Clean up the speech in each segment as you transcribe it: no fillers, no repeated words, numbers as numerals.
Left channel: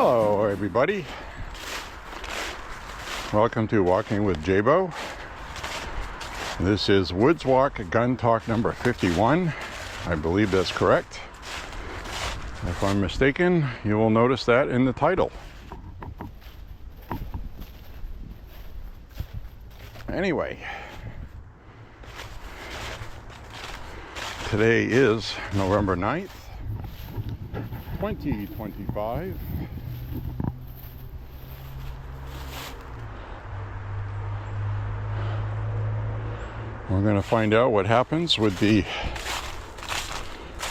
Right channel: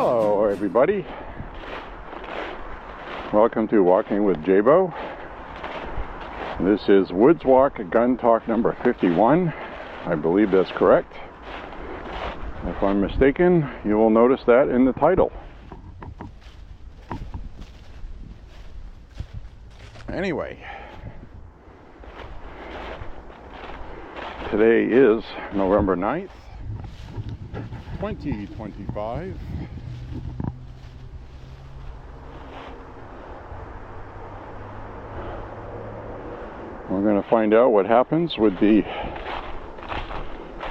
Hello everybody, welcome to Walking with Jaybo. This is Woods Walk Gun Talk number 51. I believe that's correct. If I'm mistaken, you will notice that in the title. Anyway, today is November 9th, 2025. We're going to find out what happens with the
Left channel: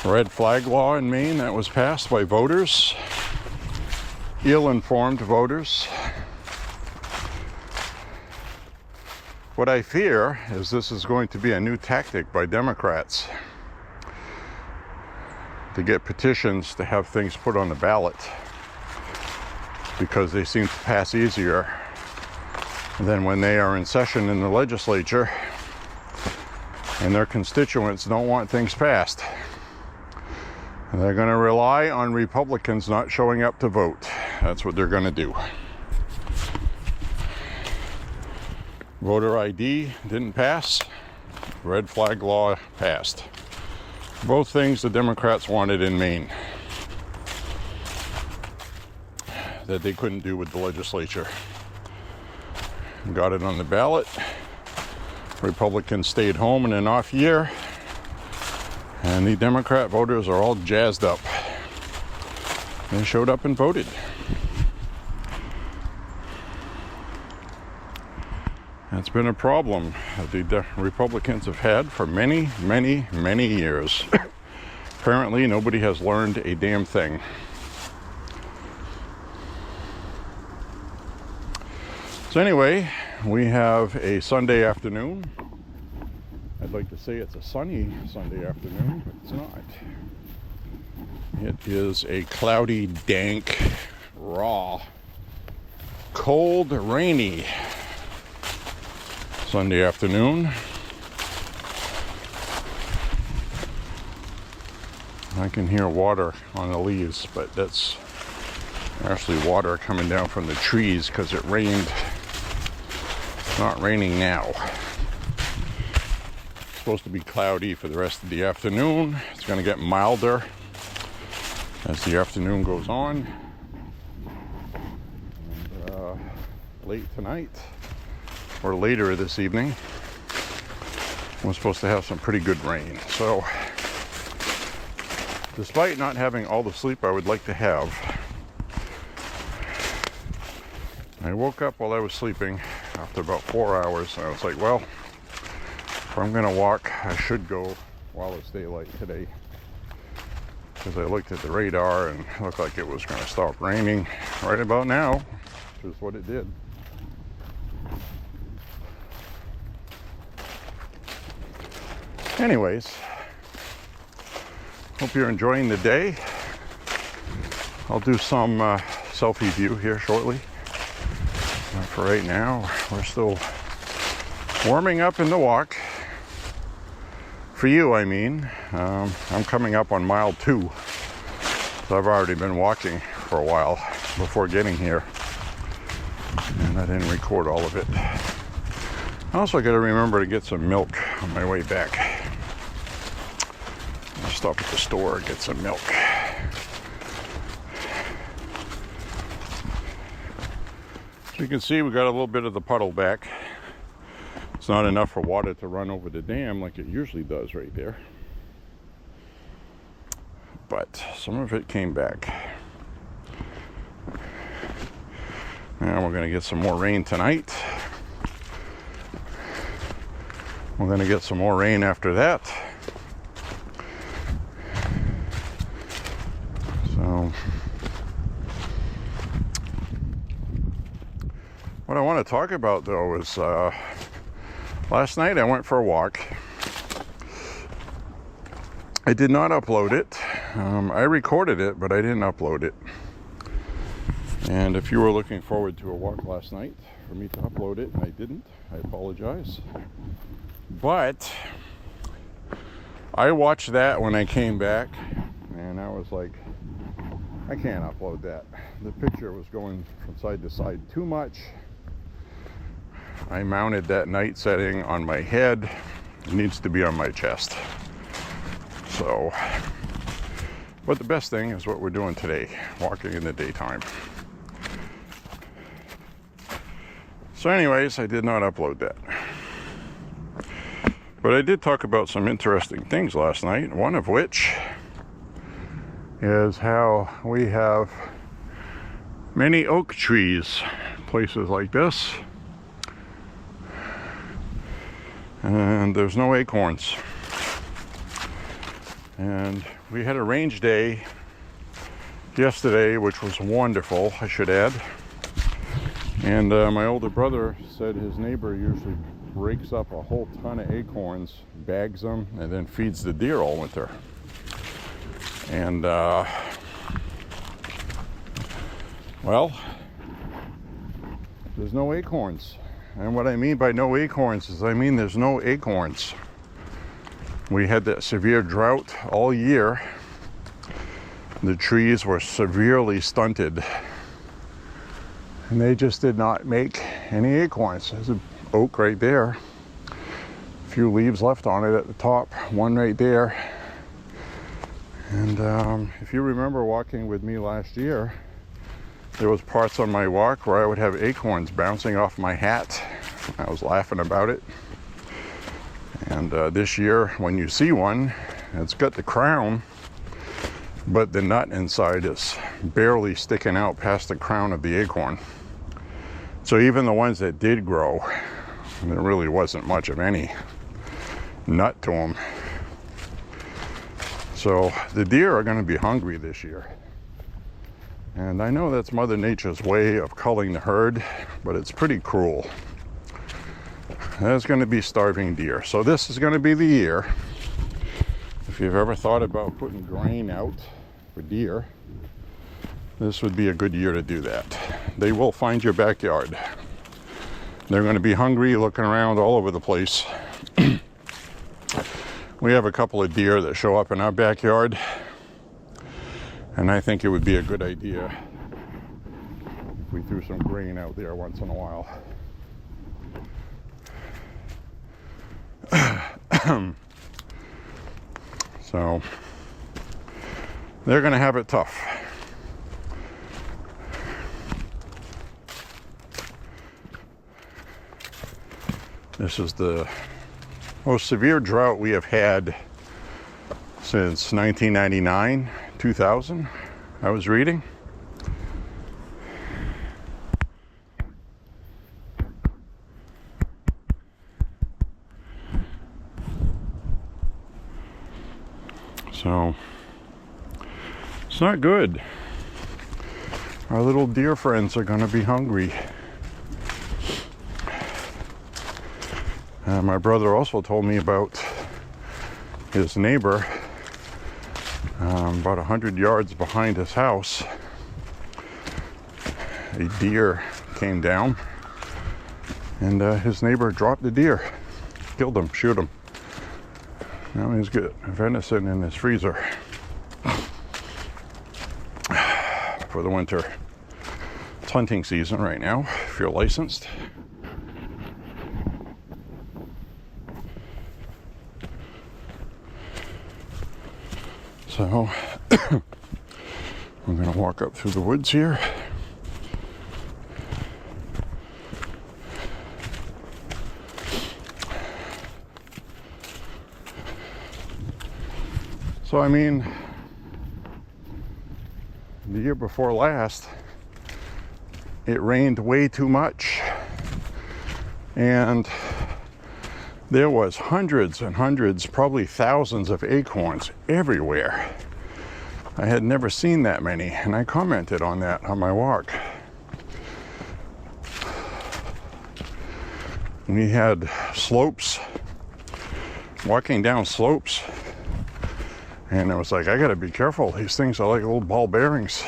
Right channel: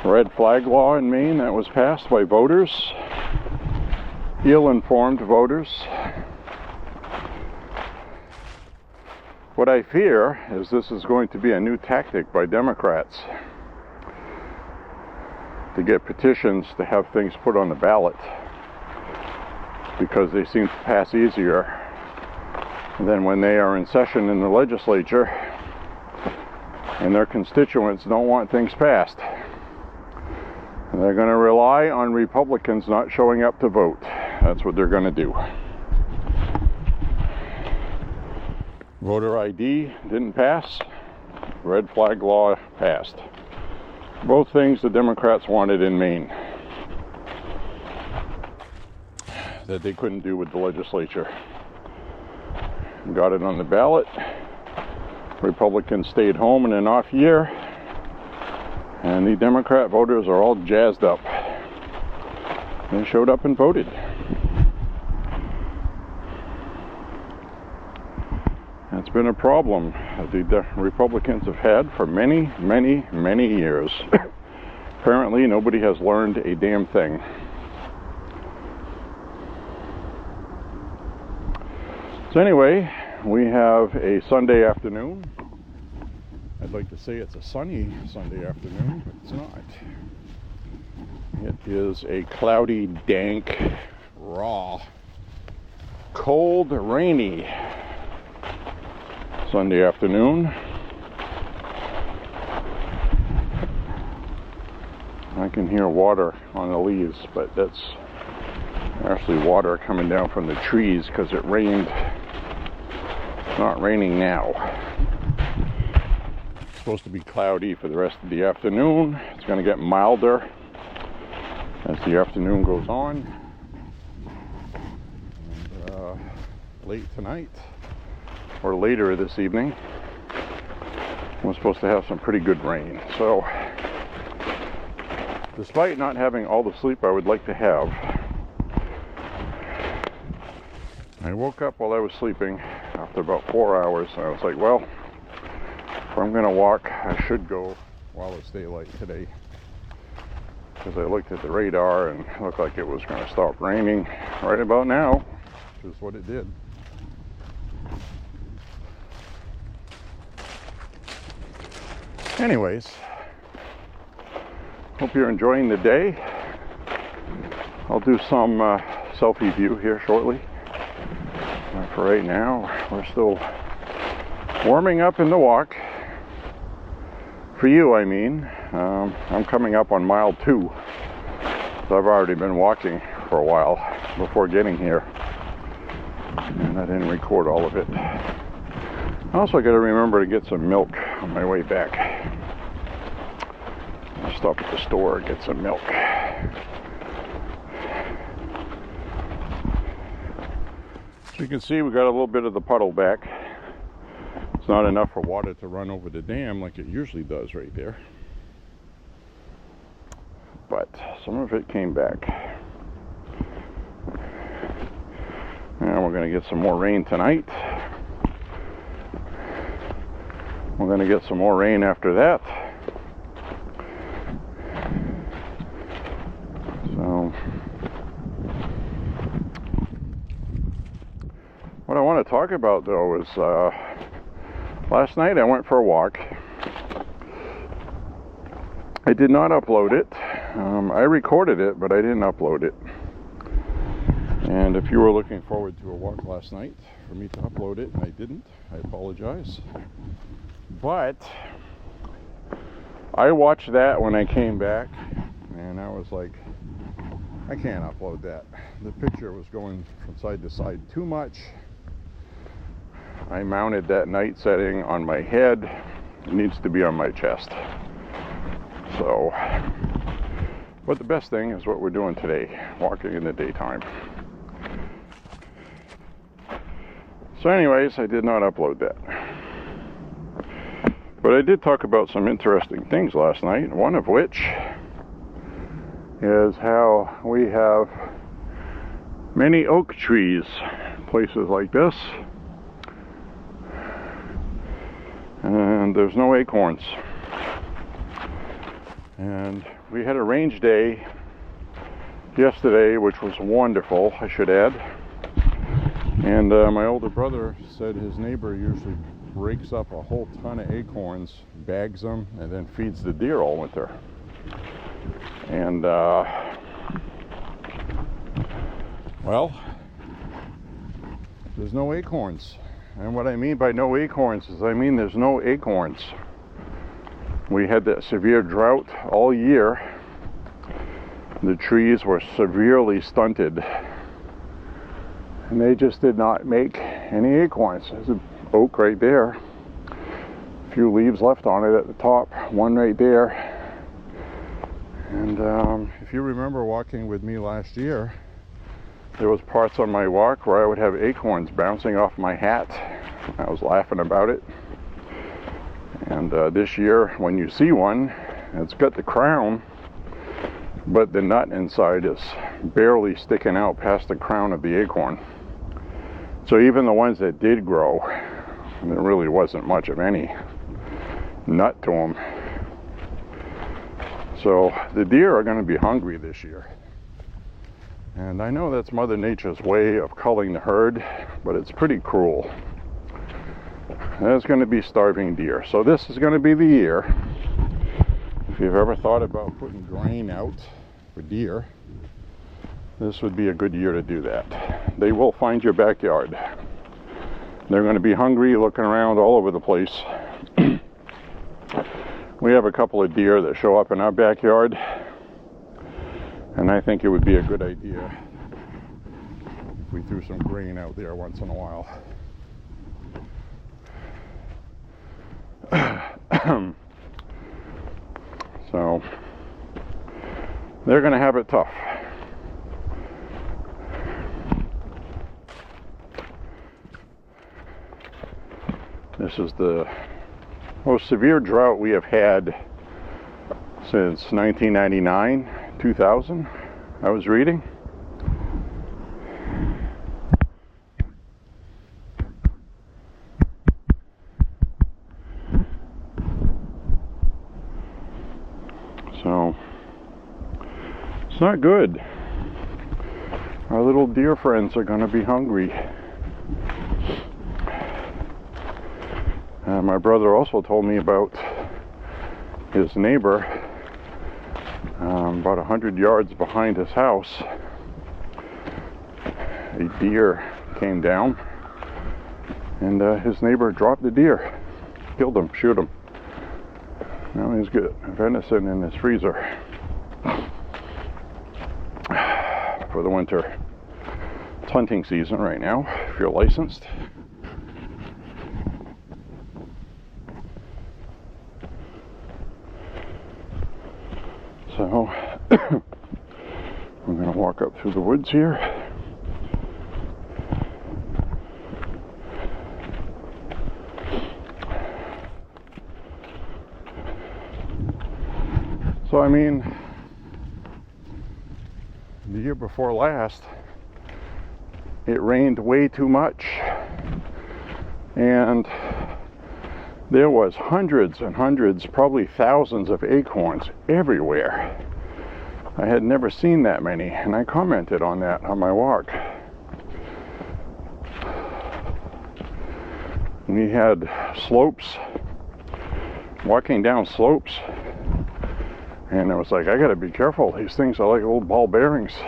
red flag law in Maine that was passed by voters, ill-informed voters. What I fear is this is going to be a new tactic by Democrats to get petitions to have things put on the ballot because they seem to pass easier than when they are in session in the legislature and their constituents don't want things passed. And they're going to rely on Republicans not showing up to vote. That's what they're going to do. Voter ID didn't pass. Red flag law passed. Both things the Democrats wanted in Maine that they couldn't do with the legislature. Got it on the ballot. Republicans stayed home in an off year, and the Democrat voters are all jazzed up. They showed up and voted. That's been a problem that the Republicans have had for many, many, many years. Apparently, nobody has learned a damn thing. So anyway, we have a Sunday afternoon. I'd like to say it's a sunny Sunday afternoon, but it's not. It is a cloudy, dank, raw, cold, rainy Sunday afternoon. I can hear water on the leaves, but that's actually water coming down from the trees because it rained. It's not raining now. It's supposed to be cloudy for the rest of the afternoon. It's going to get milder as the afternoon goes on. And, late tonight, or later this evening, we're supposed to have some pretty good rain. So despite not having all the sleep I would like to have, I woke up while I was sleeping after about 4 hours, and I was like, well, if I'm gonna walk, I should go while it's daylight today, because I looked at the radar and it looked like it was gonna stop raining right about now, which is what it did. Anyways, hope you're enjoying the day. I'll do some selfie view here shortly. For right now, we're still warming up in the walk. For you, I mean. I'm coming up on mile 2. So I've already been walking for a while before getting here. And I didn't record all of it. I also got to remember to get some milk on my way back. I'll stop at the store and get some milk. So you can see we got a little bit of the puddle back. It's not enough for water to run over the dam like it usually does right there. But some of it came back. And we're going to get some more rain tonight. We're going to get some more rain after that. So what I want to talk about though is last night I went for a walk. I did not upload it. I recorded it, but I didn't upload it. And if you were looking forward to a walk last night for me to upload it and I didn't, I apologize. But I watched that when I came back and I was like, I can't upload that. The picture was going from side to side too much. I mounted that night setting on my head. It needs to be on my chest. So, but the best thing is what we're doing today, walking in the daytime. So anyways, I did not upload that. But I did talk about some interesting things last night, one of which is how we have many oak trees, places like this, and there's no acorns. And we had a range day yesterday, which was wonderful, I should add. And my older brother said his neighbor usually breaks up a whole ton of acorns, bags them, and then feeds the deer all winter. And well, there's no acorns. And what I mean by no acorns is I mean there's no acorns. We had that severe drought all year. The trees were severely stunted. And they just did not make any acorns. There's an oak right there. A few leaves left on it at the top, one right there. And if you remember walking with me last year, there was parts on my walk where I would have acorns bouncing off my hat. I was laughing about it. And this year, when you see one, it's got the crown, but the nut inside is barely sticking out past the crown of the acorn. So even the ones that did grow, there really wasn't much of any nut to them. So the deer are going to be hungry this year. And I know that's Mother Nature's way of culling the herd, but it's pretty cruel. There's going to be starving deer. So this is going to be the year. If you've ever thought about putting grain out for deer, this would be a good year to do that. They will find your backyard. They're going to be hungry, looking around all over the place. We have a couple of deer that show up in our backyard, and I think it would be a good idea if we threw some grain out there once in a while. So they're going to have it tough. This is the most severe drought we have had since 1999, 2000, I was reading. So, it's not good. Our little deer friends are going to be hungry. My brother also told me about his neighbor, about 100 yards behind his house. A deer came down, and his neighbor dropped the deer, killed him, shoot him. Now he's got venison in his freezer for the winter. It's hunting season right now, if you're licensed. So, we're going to walk up through the woods here. So, I mean, the year before last, it rained way too much. And there was hundreds and hundreds, probably thousands of acorns everywhere. I had never seen that many, and I commented on that on my walk. We had slopes, walking down slopes, and I was like, I gotta be careful. These things are like little ball bearings.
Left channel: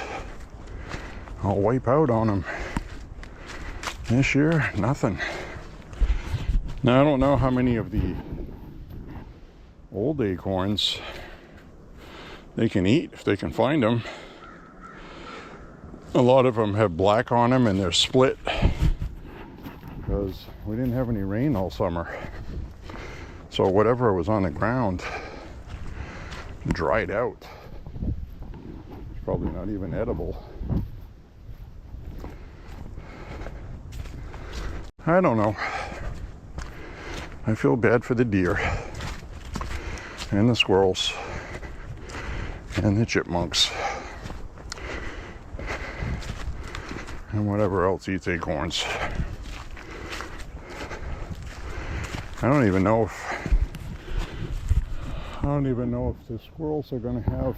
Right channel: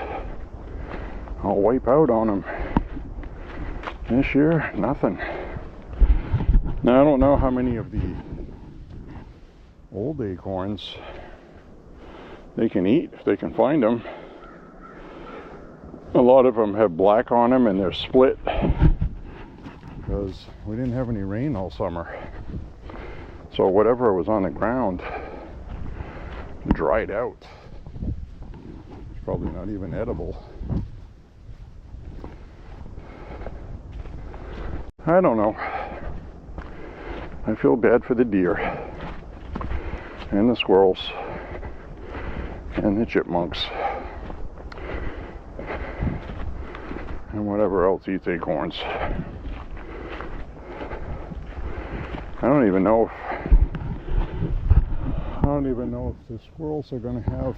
I'll wipe out on them. This year, nothing. Now, I don't know how many of the old acorns they can eat, if they can find them. A lot of them have black on them and they're split because we didn't have any rain all summer. So whatever was on the ground dried out. It's probably not even edible. I don't know. I feel bad for the deer and the squirrels and the chipmunks and whatever else eats acorns. I don't even know if the squirrels are going to have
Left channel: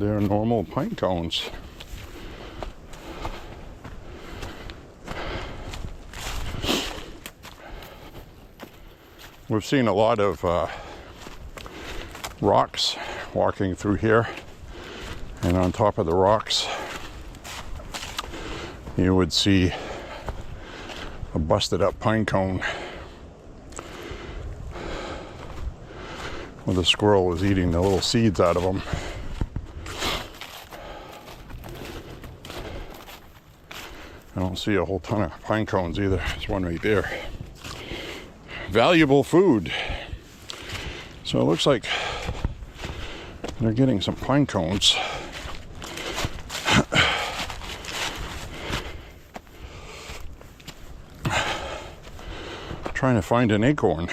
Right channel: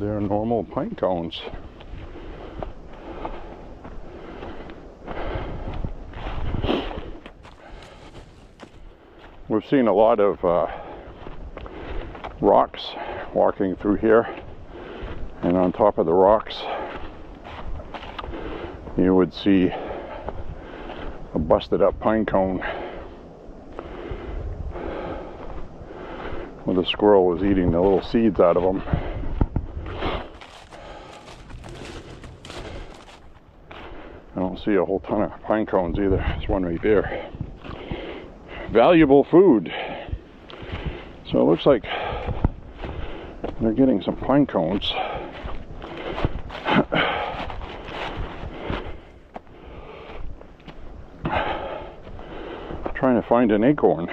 their normal pine cones. We've seen a lot of rocks walking through here, and on top of the rocks you would see a busted up pine cone where the squirrel was eating the little seeds out of them. I don't see a whole ton of pine cones either. There's one right there. Valuable food. So it looks like they're getting some pine cones. Trying to find an acorn.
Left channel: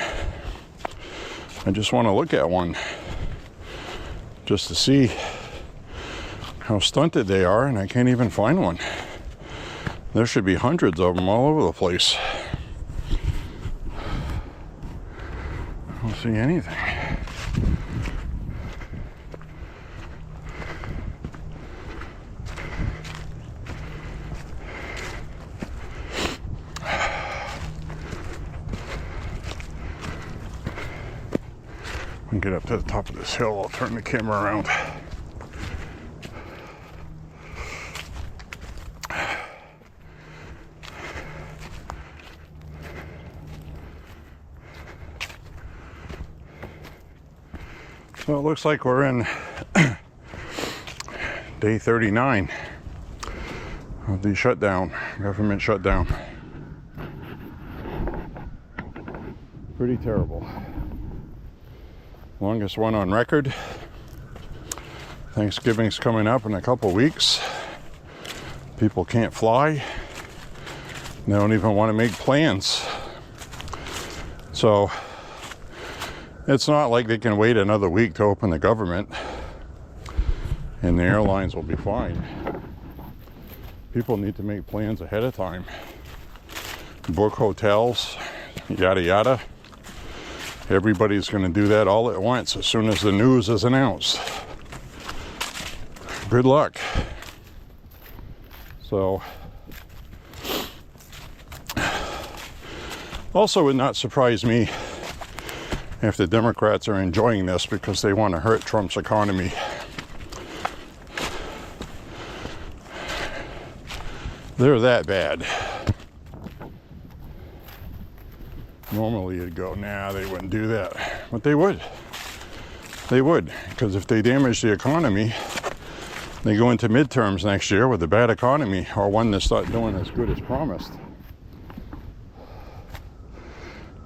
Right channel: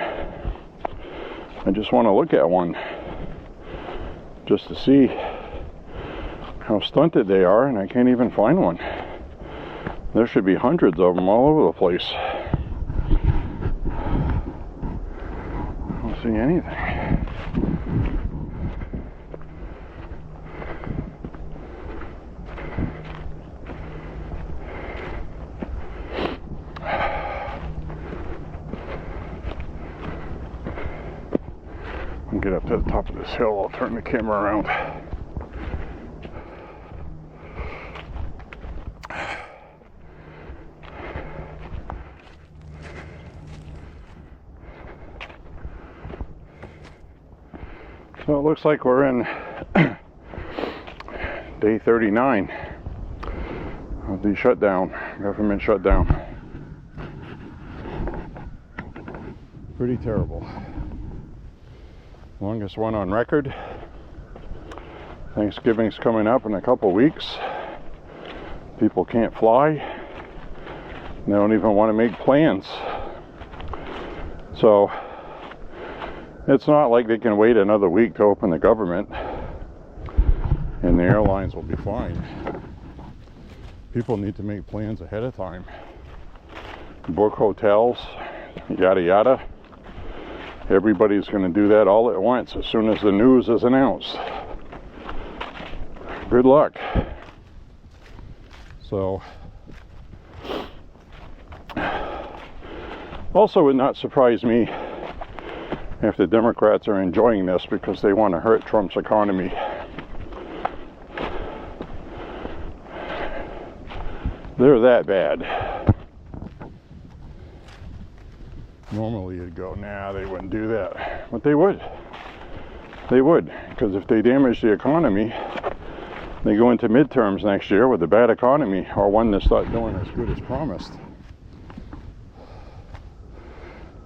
I just want to look at one just to see how stunted they are, and I can't even find one. There should be hundreds of them all over the place. I don't see anything. When I get up to the top of this hill, I'll turn the camera around. So it looks like we're in day 39 of the shutdown, government shutdown. Pretty terrible. Longest one on record. Thanksgiving's coming up in a couple weeks. People can't fly. They don't even want to make plans. So it's not like they can wait another week to open the government and the airlines will be fine. People need to make plans ahead of time. Book hotels, yada yada. Everybody's going to do that all at once as soon as the news is announced. Good luck. So, also would not surprise me if the Democrats are enjoying this because they want to hurt Trump's economy. They're that bad. Normally you'd go, nah, they wouldn't do that. But they would. They would. Because if they damage the economy, they go into midterms next year with a bad economy or one that's not doing as good as promised.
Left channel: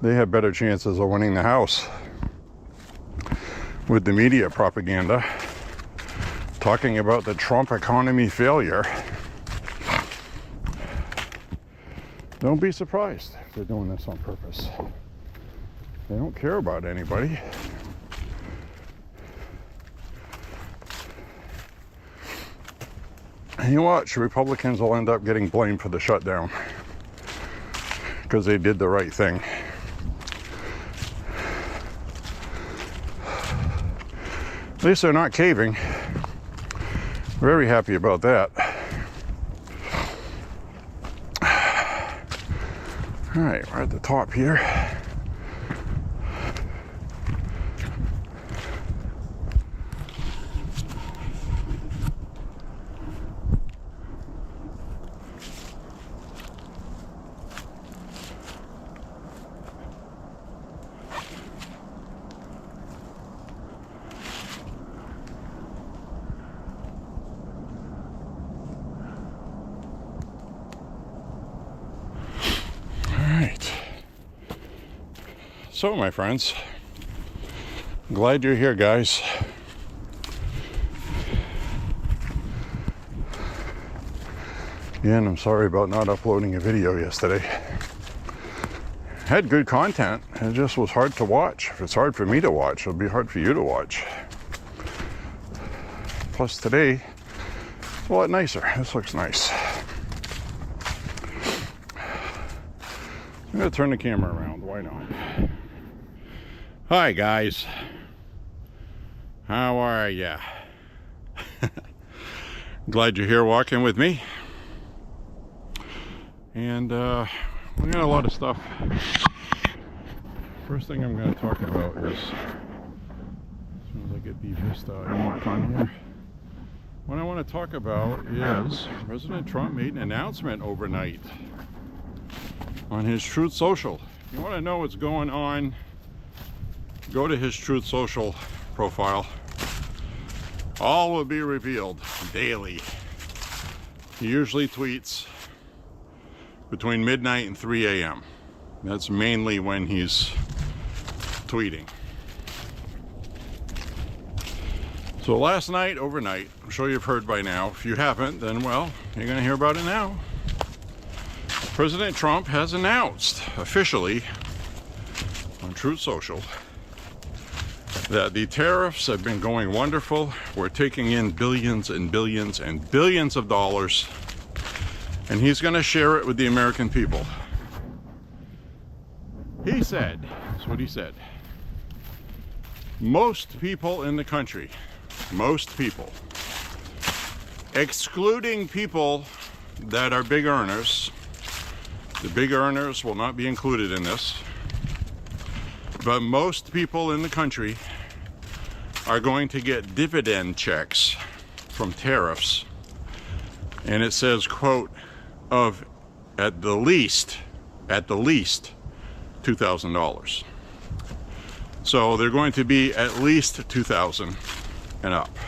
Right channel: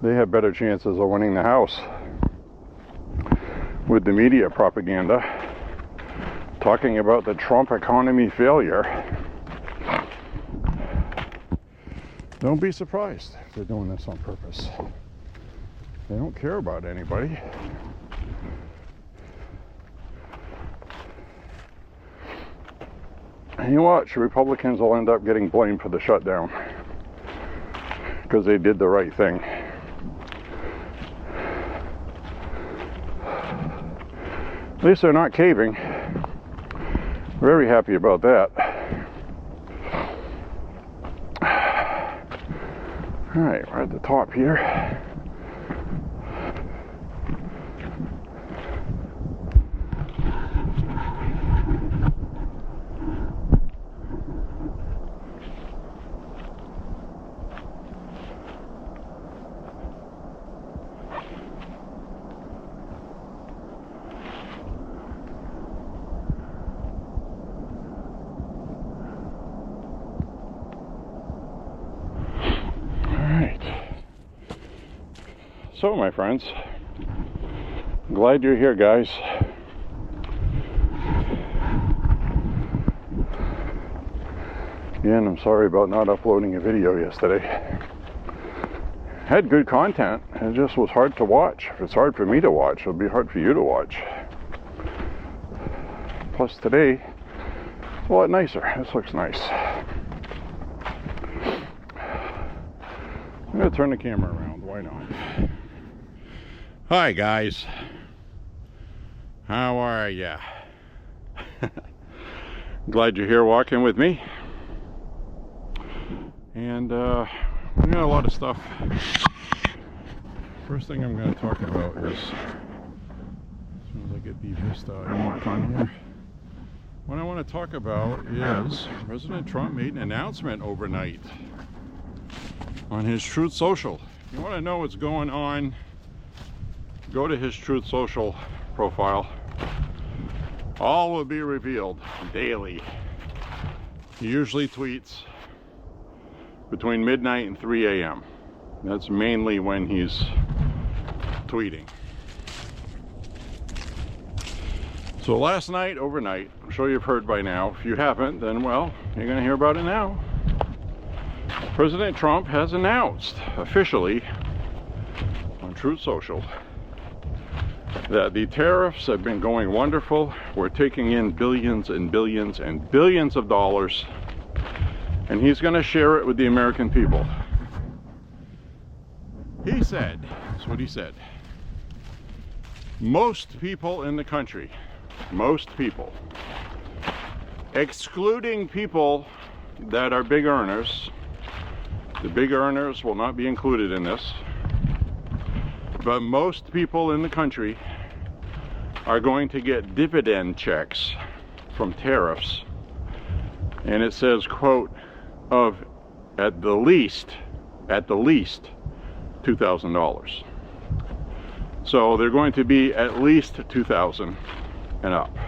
They have better chances of winning the House with the media propaganda talking about the Trump economy failure. Don't be surprised if they're doing this on purpose. They don't care about anybody. And you watch, Republicans will end up getting blamed for the shutdown because they did the right thing. At least they're not caving. Very happy about that. All right, we're at the top here. So, my friends, glad you're here, guys. Again, I'm sorry about not uploading a video yesterday. Had good content, it just was hard to watch. If it's hard for me to watch, it'll be hard for you to watch. Plus today, it's a lot nicer. This looks nice. I'm gonna turn the camera around, why not? Hi guys, how are ya? Glad you're here walking with me. And we got a lot of stuff. First thing I'm going to talk about is, as soon as I get the Vista unlocked on here, what I want to talk about is President Trump made an announcement overnight on his Truth Social. If you want to know what's going on, go to his Truth Social profile. All will be revealed daily. He usually tweets between midnight and 3 a.m. That's mainly when he's tweeting. So last night, overnight, I'm sure you've heard by now. If you haven't, then well, you're going to hear about it now. President Trump has announced officially on Truth Social that the tariffs have been going wonderful. We're taking in billions and billions and billions of dollars, and he's going to share it with the American people. He said, that's what he said, most people in the country, most people, excluding people that are big earners, the big earners will not be included in this, but most people in the country are going to get dividend checks from tariffs. And it says, quote, of at the least $2,000. So they're going to be at least $2,000 and up.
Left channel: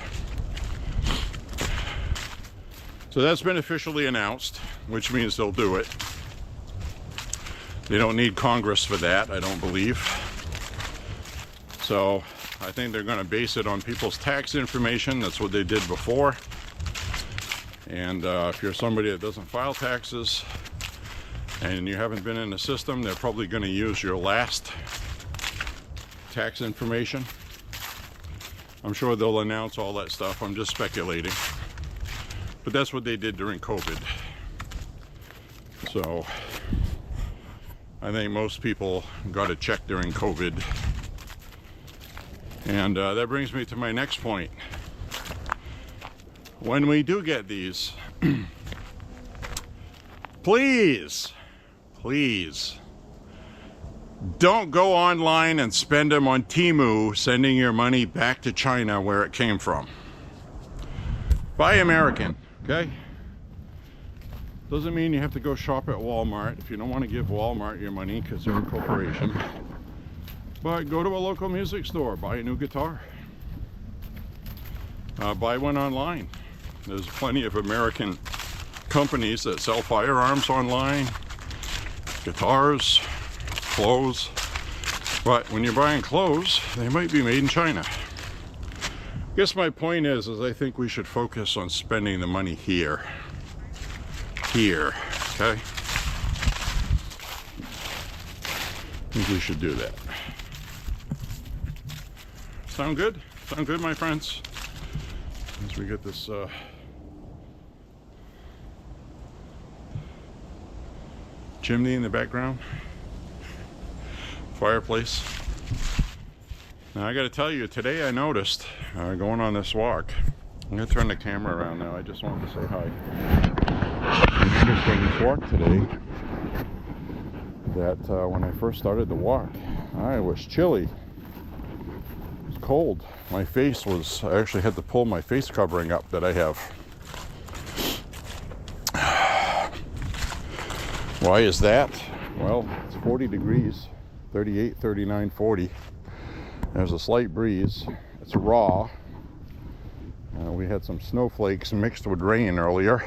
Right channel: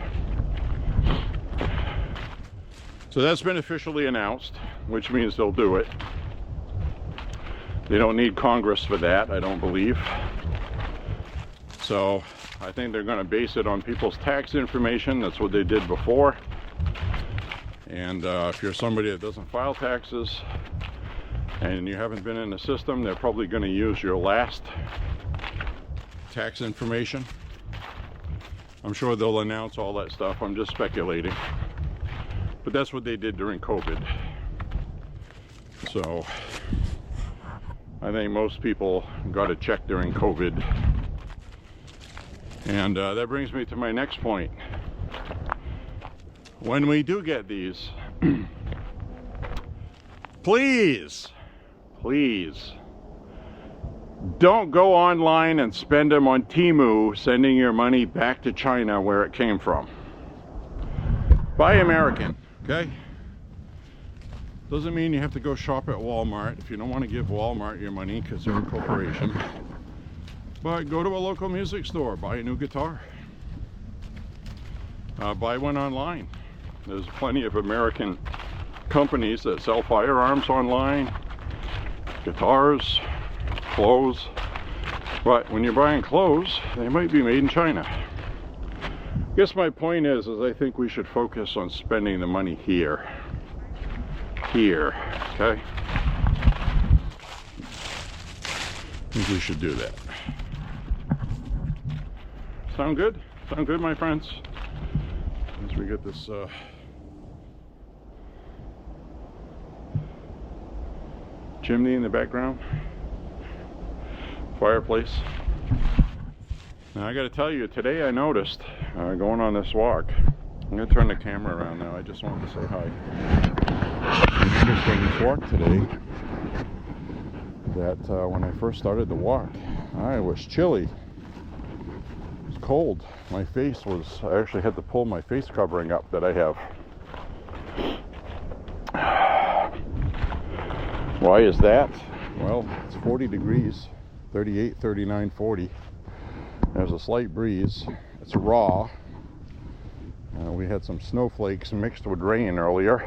So that's been officially announced, which means they'll do it. They don't need Congress for that, I don't believe. So I think they're going to base it on people's tax information. That's what they did before. And if you're somebody that doesn't file taxes, and you haven't been in the system, they're probably going to use your last tax information. I'm sure they'll announce all that stuff. I'm just speculating. But that's what they did during COVID. So I think most people got a check during COVID. And that brings me to my next point. When we do get these, please, don't go online and spend them on Temu, sending your money back to China where it came from. Buy American, okay? Doesn't mean you have to go shop at Walmart if you don't want to give Walmart your money because they're a corporation. But go to a local music store, buy a new guitar. Buy one online. There's plenty of American companies that sell firearms online, guitars, clothes. But when you're buying clothes, they might be made in China. I guess my point is I think we should focus on spending the money here. Here, okay? I think we should do that. Sound good? Sound good, my friends? As we get this chimney in the background, fireplace. Now I got to tell you, today I noticed going on this walk. I'm going to turn the camera around now. I just wanted to say hi. I noticed on this walk today that when I first started the walk, I was chilly. It was cold. My face was, I actually had to pull my face covering up that I have. Why is that? Well, it's 40 degrees, 38, 39, 40. There's a slight breeze. It's raw. We had some snowflakes mixed with rain earlier.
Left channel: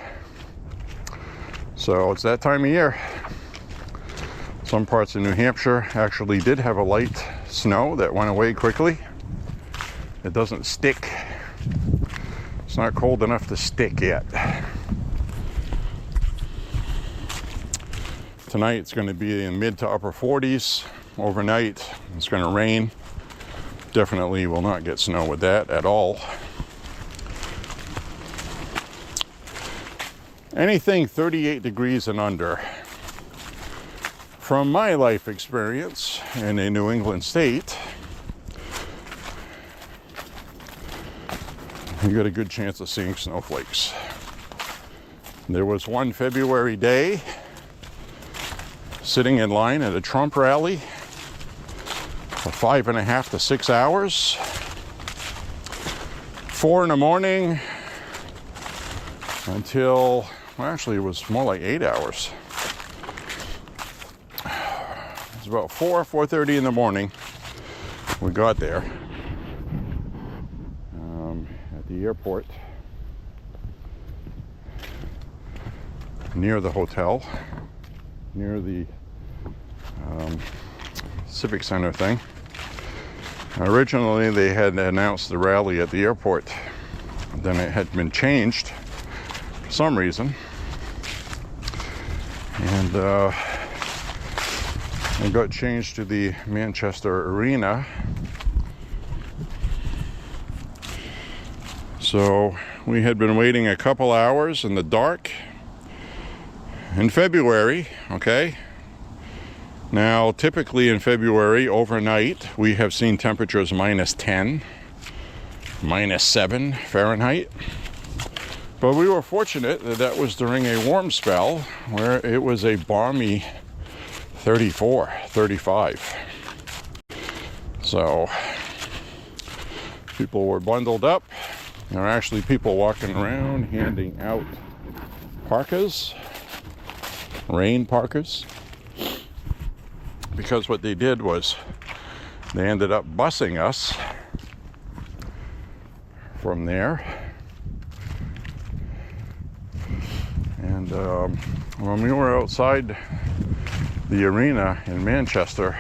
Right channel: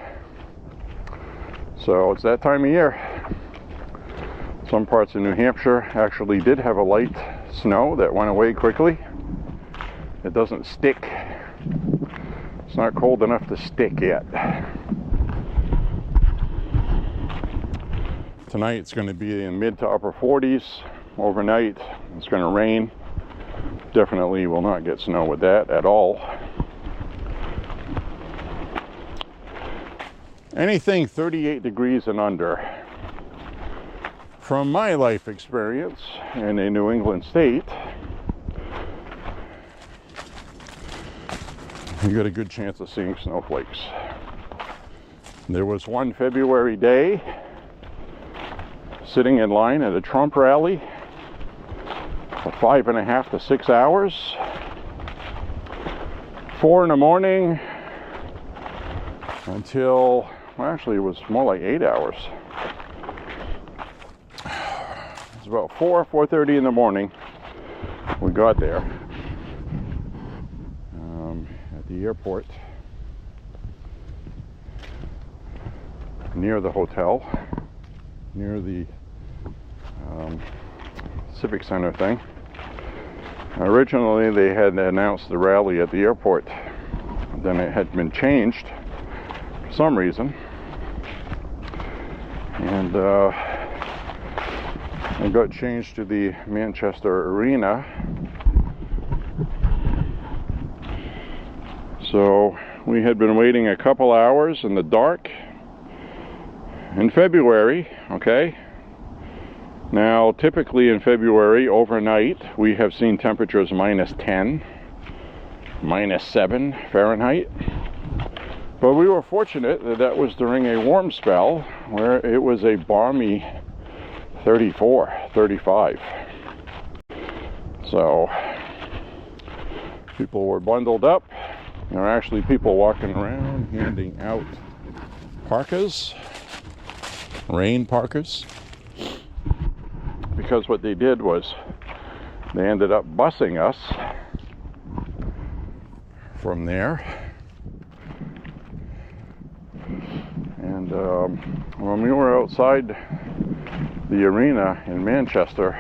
So it's that time of year. Some parts of New Hampshire actually did have a light snow that went away quickly. It doesn't stick. It's not cold enough to stick yet. Tonight it's going to be in mid to upper 40s. Overnight it's going to rain. Definitely will not get snow with that at all. Anything 38 degrees and under, from my life experience in a New England state, you got a good chance of seeing snowflakes. There was one February day sitting in line at a Trump rally for 5.5 to 6 hours. 4 in the morning until, well, actually it was more like 8 hours. It was about 4:30 in the morning we got there at the airport near the hotel, near the Civic Center thing. Originally they had announced the rally at the airport, then it had been changed for some reason, and it got changed to the Manchester Arena. So we had been waiting a couple hours in the dark in February, okay? Now, typically in February, overnight, we have seen temperatures -10, -7 Fahrenheit. But we were fortunate that that was during a warm spell where it was a balmy 34, 35. So, people were bundled up. There were actually people walking around handing out parkas, rain parkas. Because what they did was they ended up busing us from there. And when we were outside the arena in Manchester,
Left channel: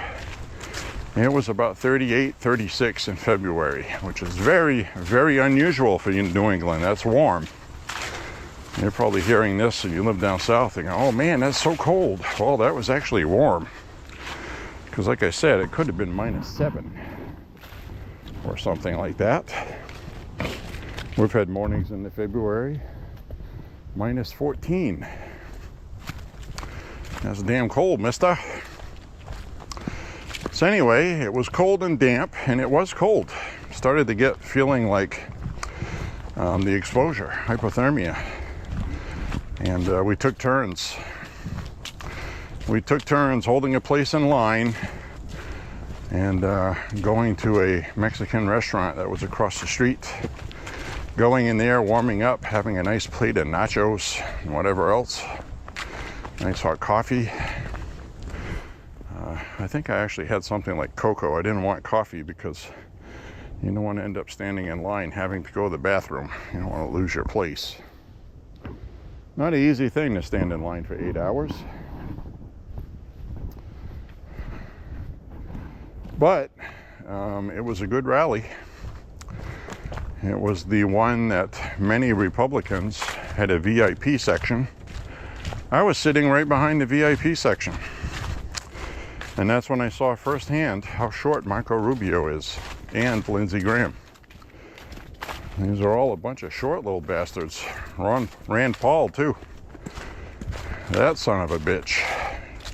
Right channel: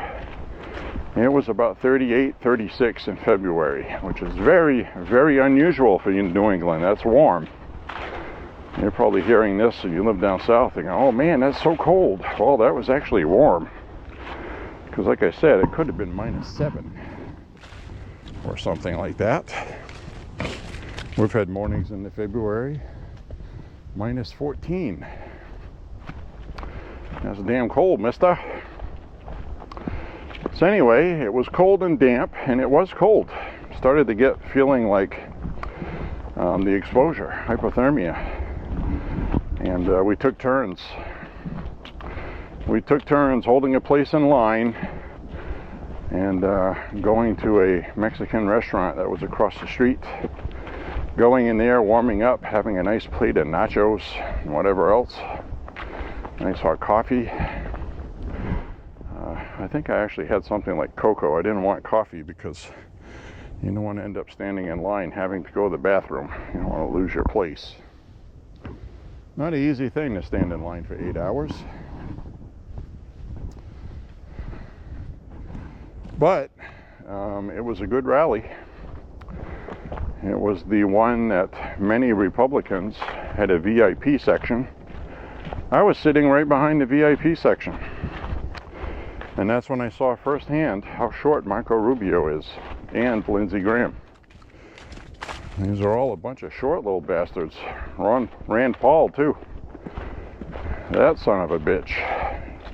it was about 38, 36 in February, which is very, very unusual for New England. That's warm. You're probably hearing this and you live down south thinking, oh man, that's so cold. Well, that was actually warm. Because like I said, it could have been -7 or something like that. We've had mornings in the February -14. That's damn cold, mister. So anyway, it was cold and damp, and it was cold. Started to get feeling like the exposure, hypothermia. And we took turns. We took turns holding a place in line and going to a Mexican restaurant that was across the street. Going in there, warming up, having a nice plate of nachos and whatever else. Nice hot coffee. I think I actually had something like cocoa. I didn't want coffee because you don't want to end up standing in line having to go to the bathroom. You don't want to lose your place. Not an easy thing to stand in line for 8 hours. But it was a good rally. It was the one that many Republicans had a VIP section. I was sitting right behind the VIP section. And that's when I saw firsthand how short Marco Rubio is, and Lindsey Graham. These are all a bunch of short little bastards. Rand Paul, too. That son of a bitch,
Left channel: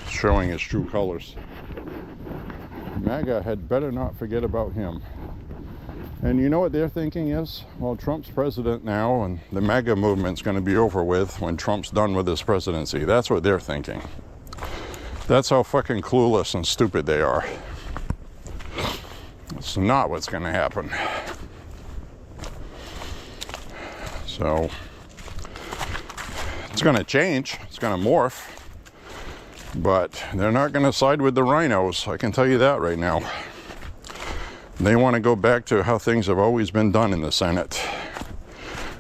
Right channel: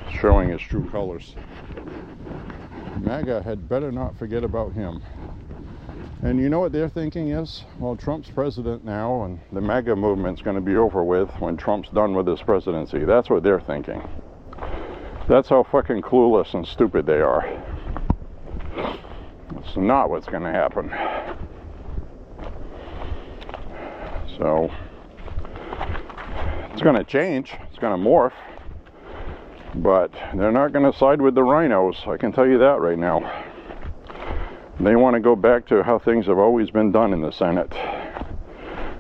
showing his true colors. MAGA had better not forget about him. And you know what their thinking is? Well, Trump's president now, and the MAGA movement's going to be over with when Trump's done with his presidency. That's what they're thinking. That's how fucking clueless and stupid they are. It's not what's going to happen. So, it's going to change. It's going to morph. But they're not going to side with the rhinos. I can tell you that right now. They want to go back to how things have always been done in the Senate.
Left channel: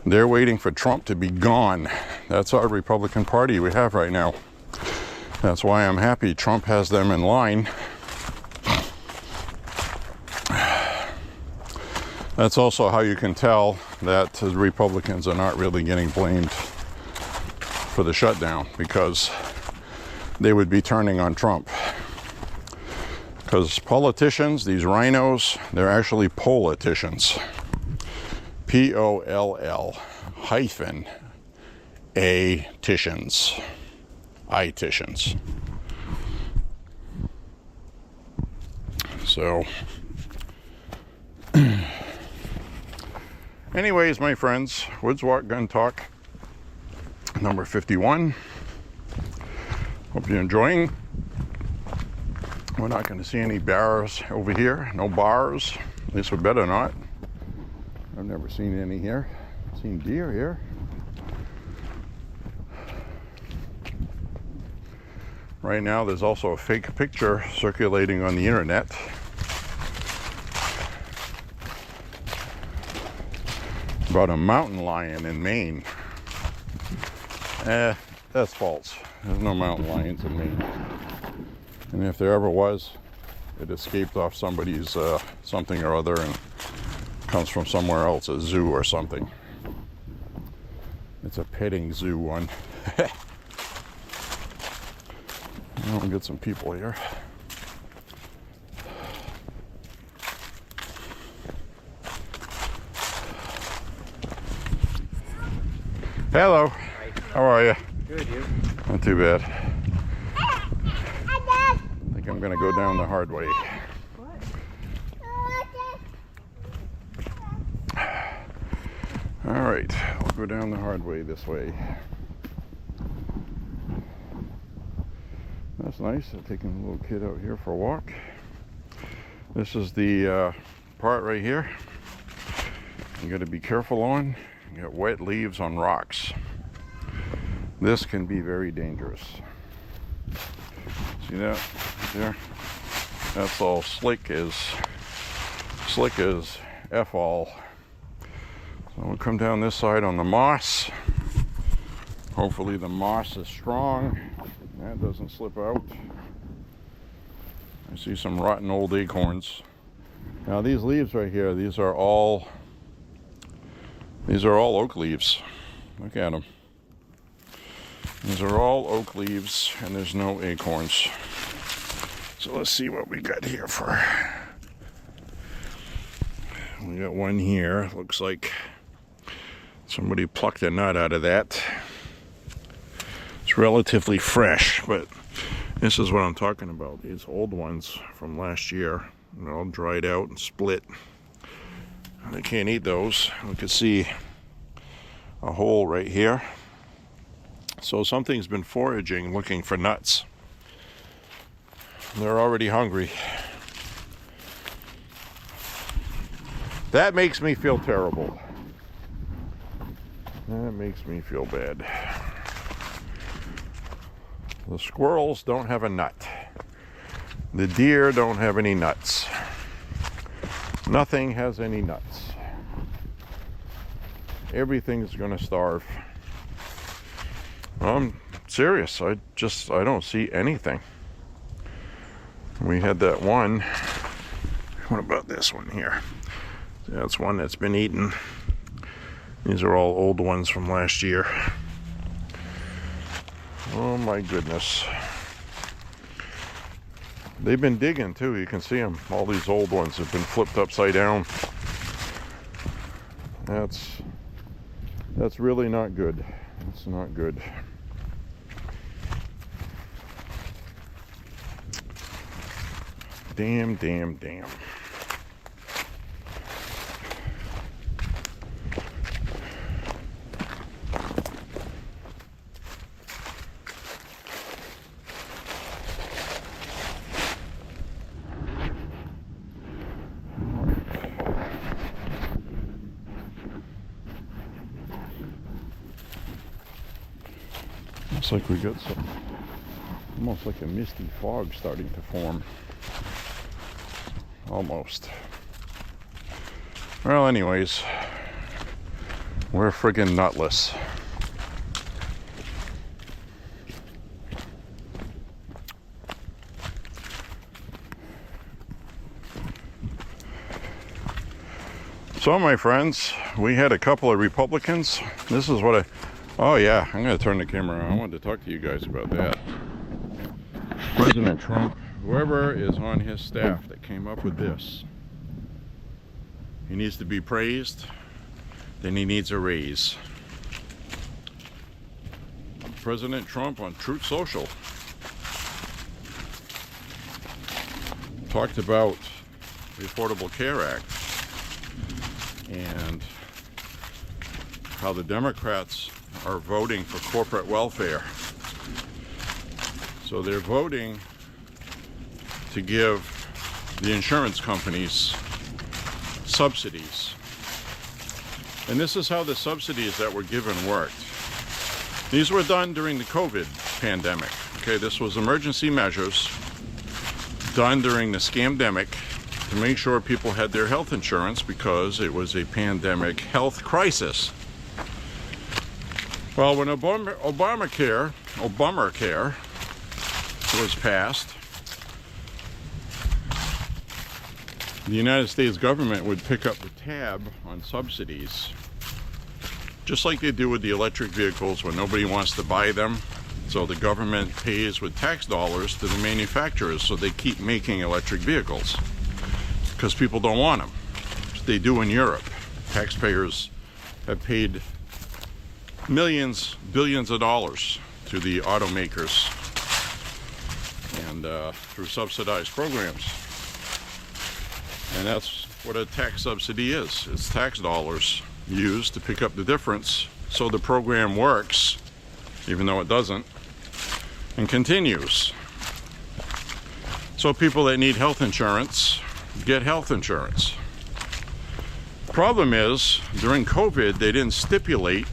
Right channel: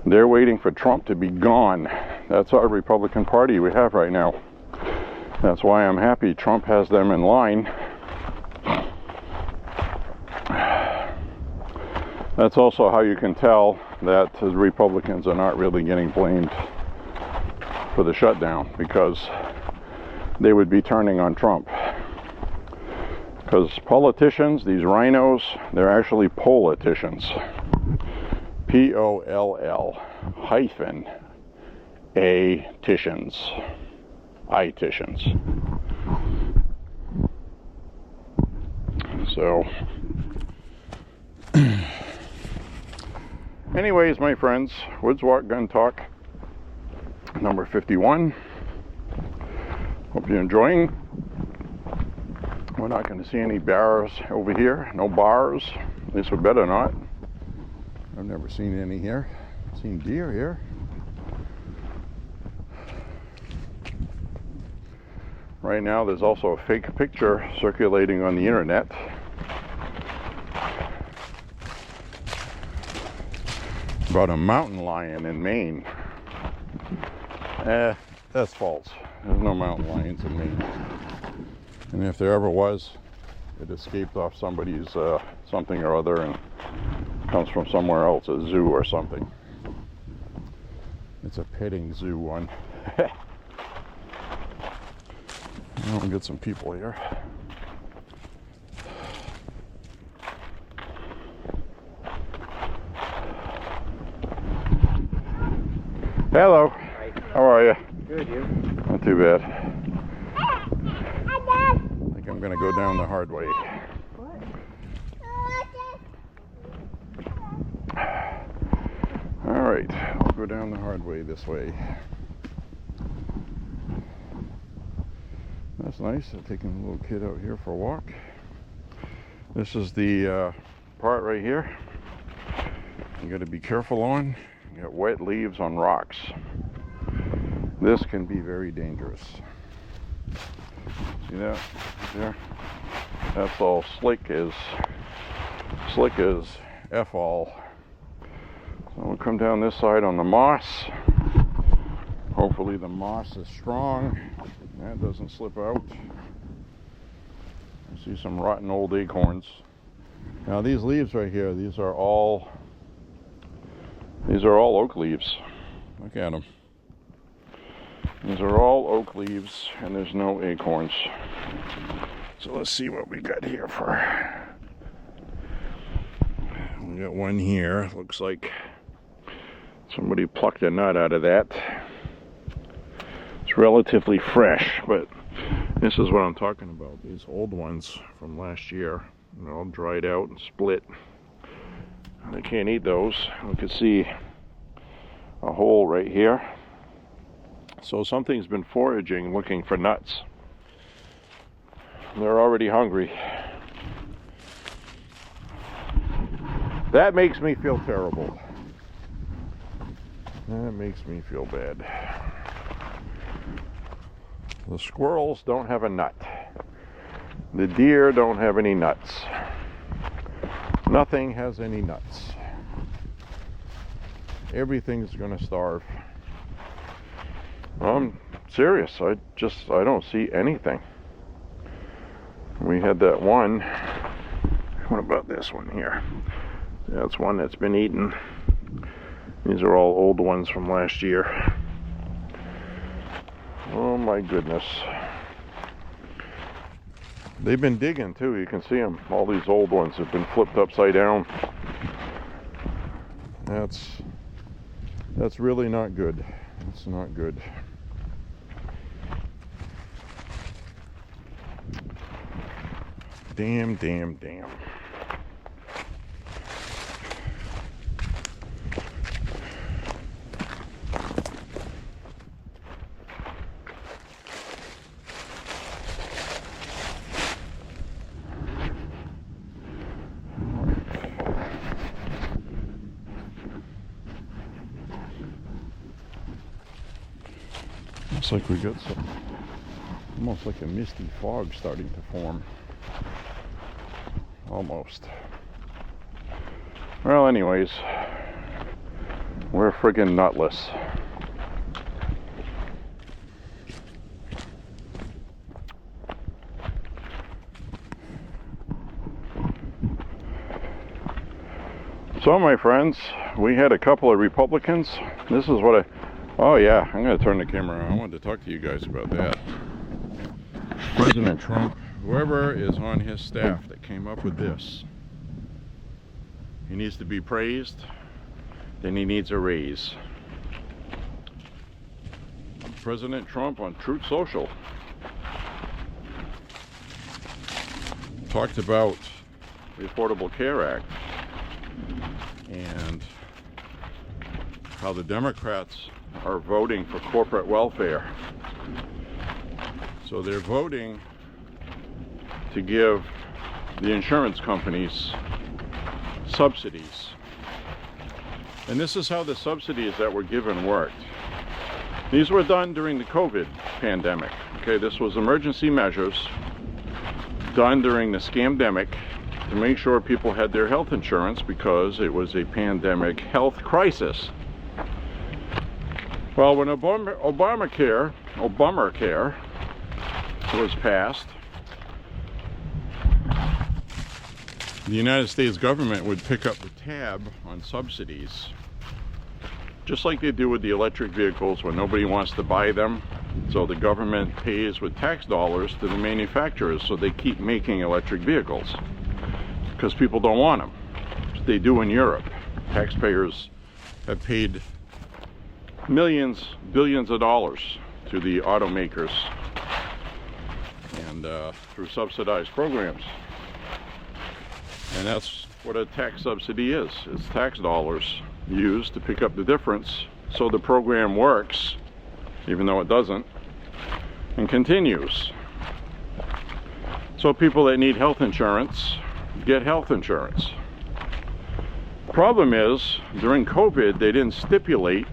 They're waiting for Trump to be gone. That's our Republican Party we have right now. That's why I'm happy Trump has them in line. That's also how you can tell that the Republicans are not really getting blamed for the shutdown, because they would be turning on Trump. Because politicians, these rhinos, they're actually politicians. P-O-L-L hyphen A-ticians. I-ticians. So, anyways, my friends, Woods Walk Gun Talk number 51. Hope you're enjoying. We're not going to see any bears over here. No bars. At least we better not. I've never seen any here. I've seen deer here. Right now there's also a fake picture circulating on the internet. About a mountain lion in Maine. That's false. There's no mountain lions in Maine. And if there ever was, it escaped off somebody's something or other and comes from somewhere else, a zoo or something. It's a petting zoo one. I'll get some people here. Hello. Hi. How are you? Good, you? Not too bad. I think I'm gonna go down the hard way. All right, I'll go down the hard way this way. That's nice. I'm taking a little kid out here for a walk. This is the part right here you got to be careful on. You got wet leaves on rocks. This can be very dangerous. See that there? That's all slick as F all. So we'll come down this side on the moss. Hopefully the moss is strong. That doesn't slip out. I see some rotten old acorns. Now these leaves right here, these are all oak leaves. Look at them. These are all oak leaves, and there's no acorns. So let's see what we got here for. We got one here. Looks like somebody plucked a nut out of that. It's relatively fresh, but this is what I'm talking about. These old ones from last year, they're all dried out and split. I can't eat those. We can see a hole right here. So something's been foraging looking for nuts. They're already hungry. That makes me feel terrible. That makes me feel bad. The squirrels don't have a nut. The deer don't have any nuts. Nothing has any nuts. Everything's gonna starve. I'm serious. I don't see anything. We had that one. What about this one here? That's one that's been eaten. These are all old ones from last year. Oh my goodness. They've been digging too. You can see them. All these old ones have been flipped upside down. That's really not good. It's not good. Damn, damn, damn. Looks like we got some, almost like a misty fog starting to form. Almost. Well, anyways, we're friggin' nutless. So, my friends, we had a couple of Republicans. This is what oh yeah, I'm gonna turn the camera on. I wanted to talk to you guys about that. President Trump, whoever is on his staff that came up with this, he needs to be praised, then he needs a raise. President Trump on Truth Social talked about the Affordable Care Act and how the Democrats are voting for corporate welfare. So they're voting to give the insurance companies subsidies. And this is how the subsidies that were given worked. These were done during the COVID pandemic. Okay, this was emergency measures done during the scamdemic to make sure people had their health insurance because it was a pandemic health crisis. Well, when Obamacare was passed, the United States government would pick up the tab on subsidies, just like they do with the electric vehicles when nobody wants to buy them. So the government pays with tax dollars to the manufacturers so they keep making electric vehicles because people don't want them. They do in Europe. Taxpayers have paid millions, billions of dollars to the automakers and through subsidized programs. And that's what a tax subsidy is. It's tax dollars used to pick up the difference so the program works, even though it doesn't, and continues. So people that need health insurance get health insurance. Problem is, during COVID, they didn't stipulate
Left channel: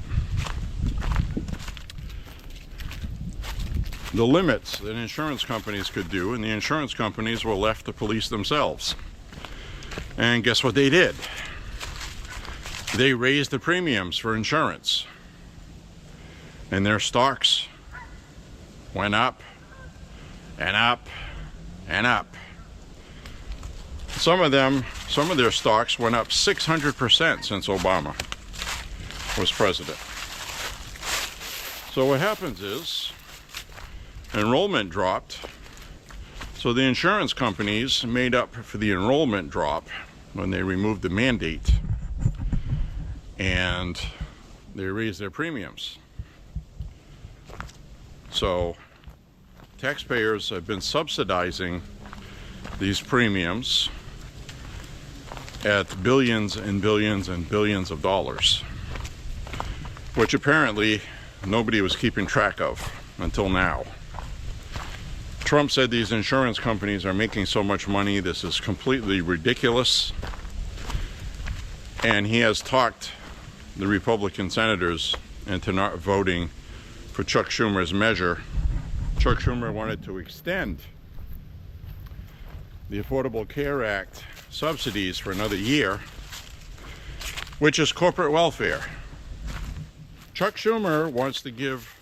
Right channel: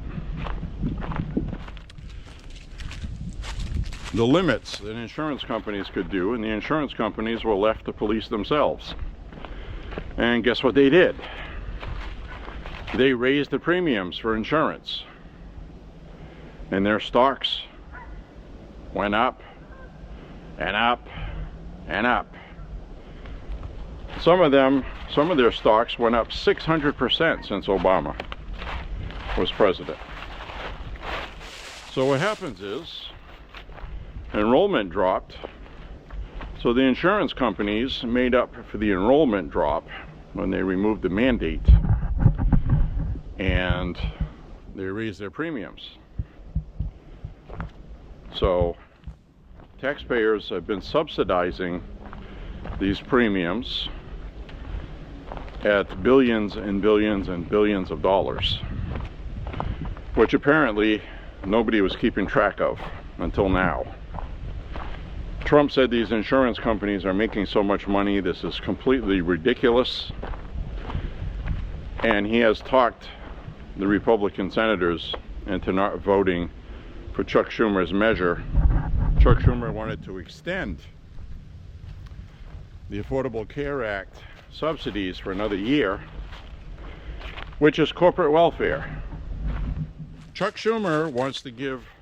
the limits that insurance companies could do, and the insurance companies were left to police themselves. And guess what they did? They raised the premiums for insurance, and their stocks went up and up and up. Some of their stocks went up 600% since Obama was president. So what happens is enrollment dropped. So the insurance companies made up for the enrollment drop when they removed the mandate, and they raised their premiums. So taxpayers have been subsidizing these premiums at billions and billions and billions of dollars, which apparently nobody was keeping track of until now. Trump said these insurance companies are making so much money, this is completely ridiculous. And he has talked the Republican senators into not voting for Chuck Schumer's measure. Chuck Schumer wanted to extend the Affordable Care Act subsidies for another year, which is corporate welfare. Chuck Schumer wants to give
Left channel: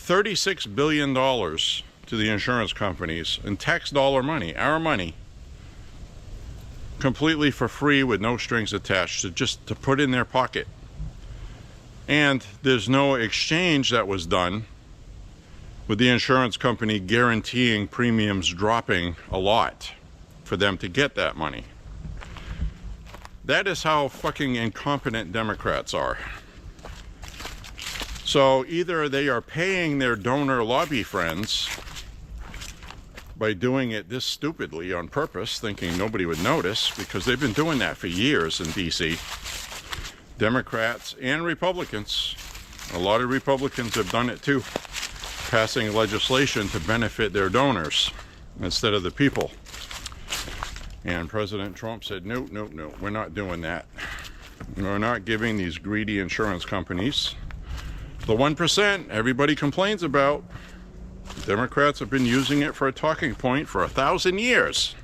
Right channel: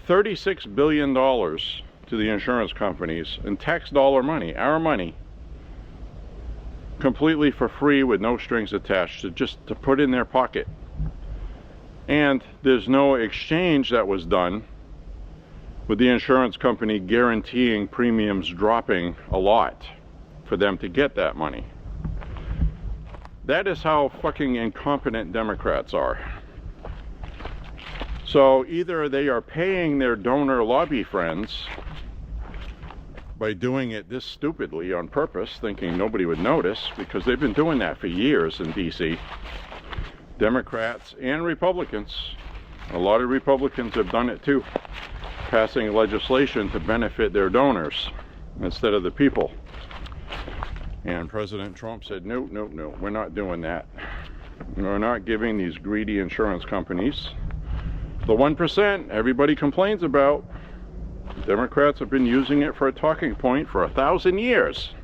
$36 billion to the insurance companies in tax dollar money, our money, completely for free with no strings attached, to put in their pocket. And there's no exchange that was done with the insurance company guaranteeing premiums dropping a lot for them to get that money. That is how fucking incompetent Democrats are. So either they are paying their donor lobby friends by doing it this stupidly on purpose, thinking nobody would notice, because they've been doing that for years in DC. Democrats and Republicans, a lot of Republicans have done it too, passing legislation to benefit their donors instead of the people. And President Trump said, no, no, no, we're not doing that. We're not giving these greedy insurance companies the 1% everybody complains about. Democrats have been using it for a talking point for 1,000 years.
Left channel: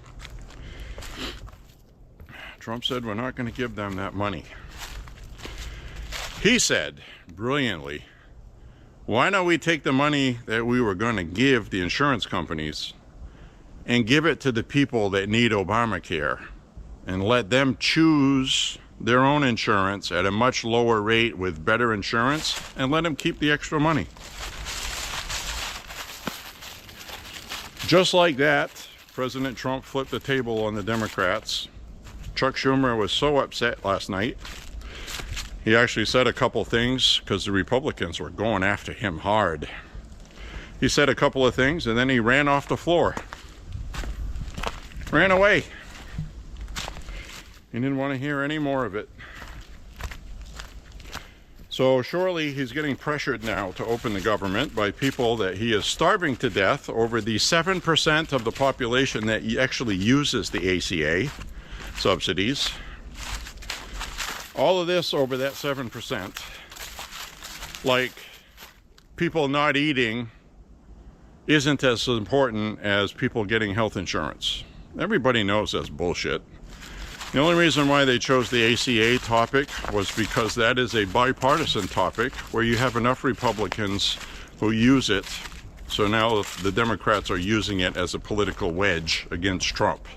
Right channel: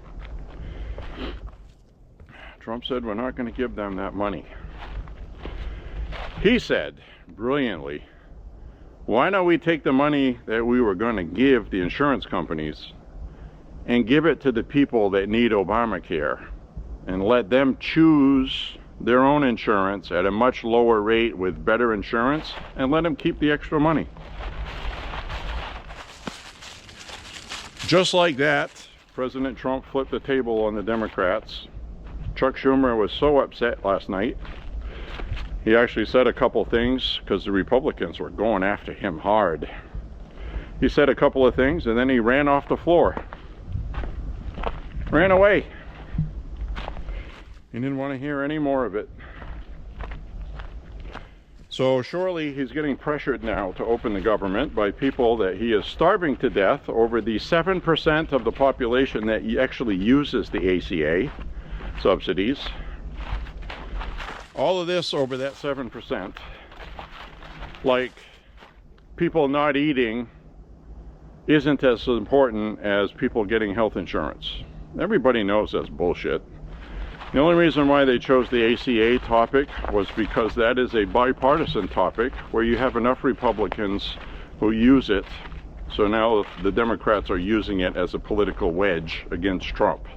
Trump said we're not going to give them that money. He said, brilliantly, why don't we take the money that we were going to give the insurance companies and give it to the people that need Obamacare and let them choose their own insurance at a much lower rate with better insurance, and let them keep the extra money. Just like that, President Trump flipped the table on the Democrats. Chuck Schumer was so upset last night. He actually said a couple things because the Republicans were going after him hard. He said a couple of things and then he ran off the floor. Ran away. He didn't want to hear any more of it. So surely he's getting pressured now to open the government by people that he is starving to death over the 7% of the population that actually uses the ACA subsidies. All of this over that 7%. Like, people not eating isn't as important as people getting health insurance. Everybody knows that's bullshit. The only reason why they chose the ACA topic was because that is a bipartisan topic where you have enough Republicans who use it. So now the Democrats are using it as a political wedge against Trump.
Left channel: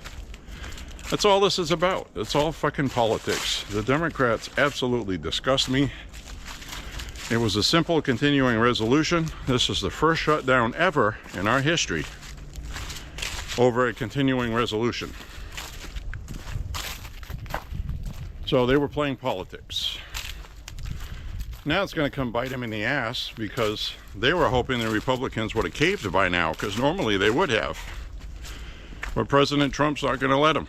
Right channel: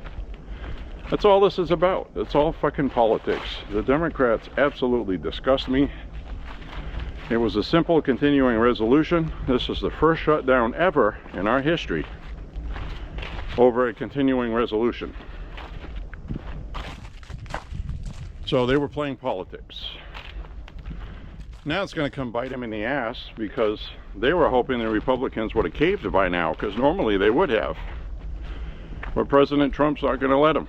That's all this is about. It's all fucking politics. The Democrats absolutely disgust me. It was a simple continuing resolution. This is the first shutdown ever in our history over a continuing resolution. So they were playing politics. Now it's going to come bite them in the ass because they were hoping the Republicans would have caved by now, because normally they would have. But President Trump's not going to let them.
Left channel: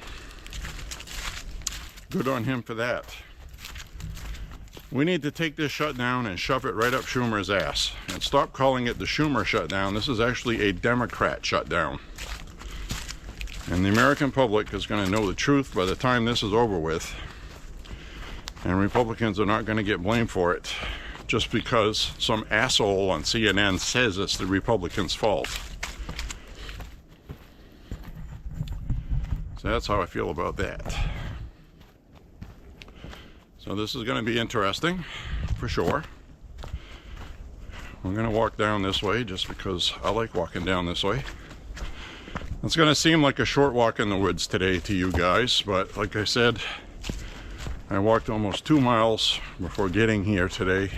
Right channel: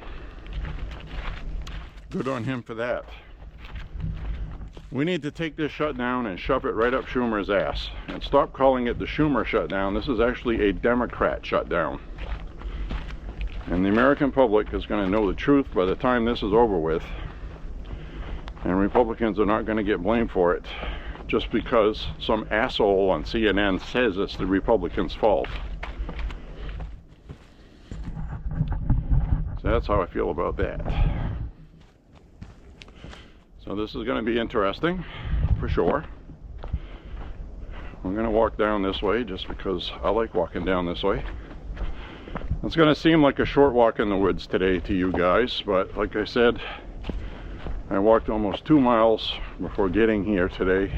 Good on him for that. We need to take this shutdown and shove it right up Schumer's ass and stop calling it the Schumer shutdown. This is actually a Democrat shutdown. And the American public is going to know the truth by the time this is over with. And Republicans are not going to get blamed for it just because some asshole on CNN says it's the Republicans' fault. So that's how I feel about that. So this is going to be interesting, for sure. I'm going to walk down this way just because I like walking down this way. It's going to seem like a short walk in the woods today to you guys, but like I said, I walked almost 2 miles before getting here today.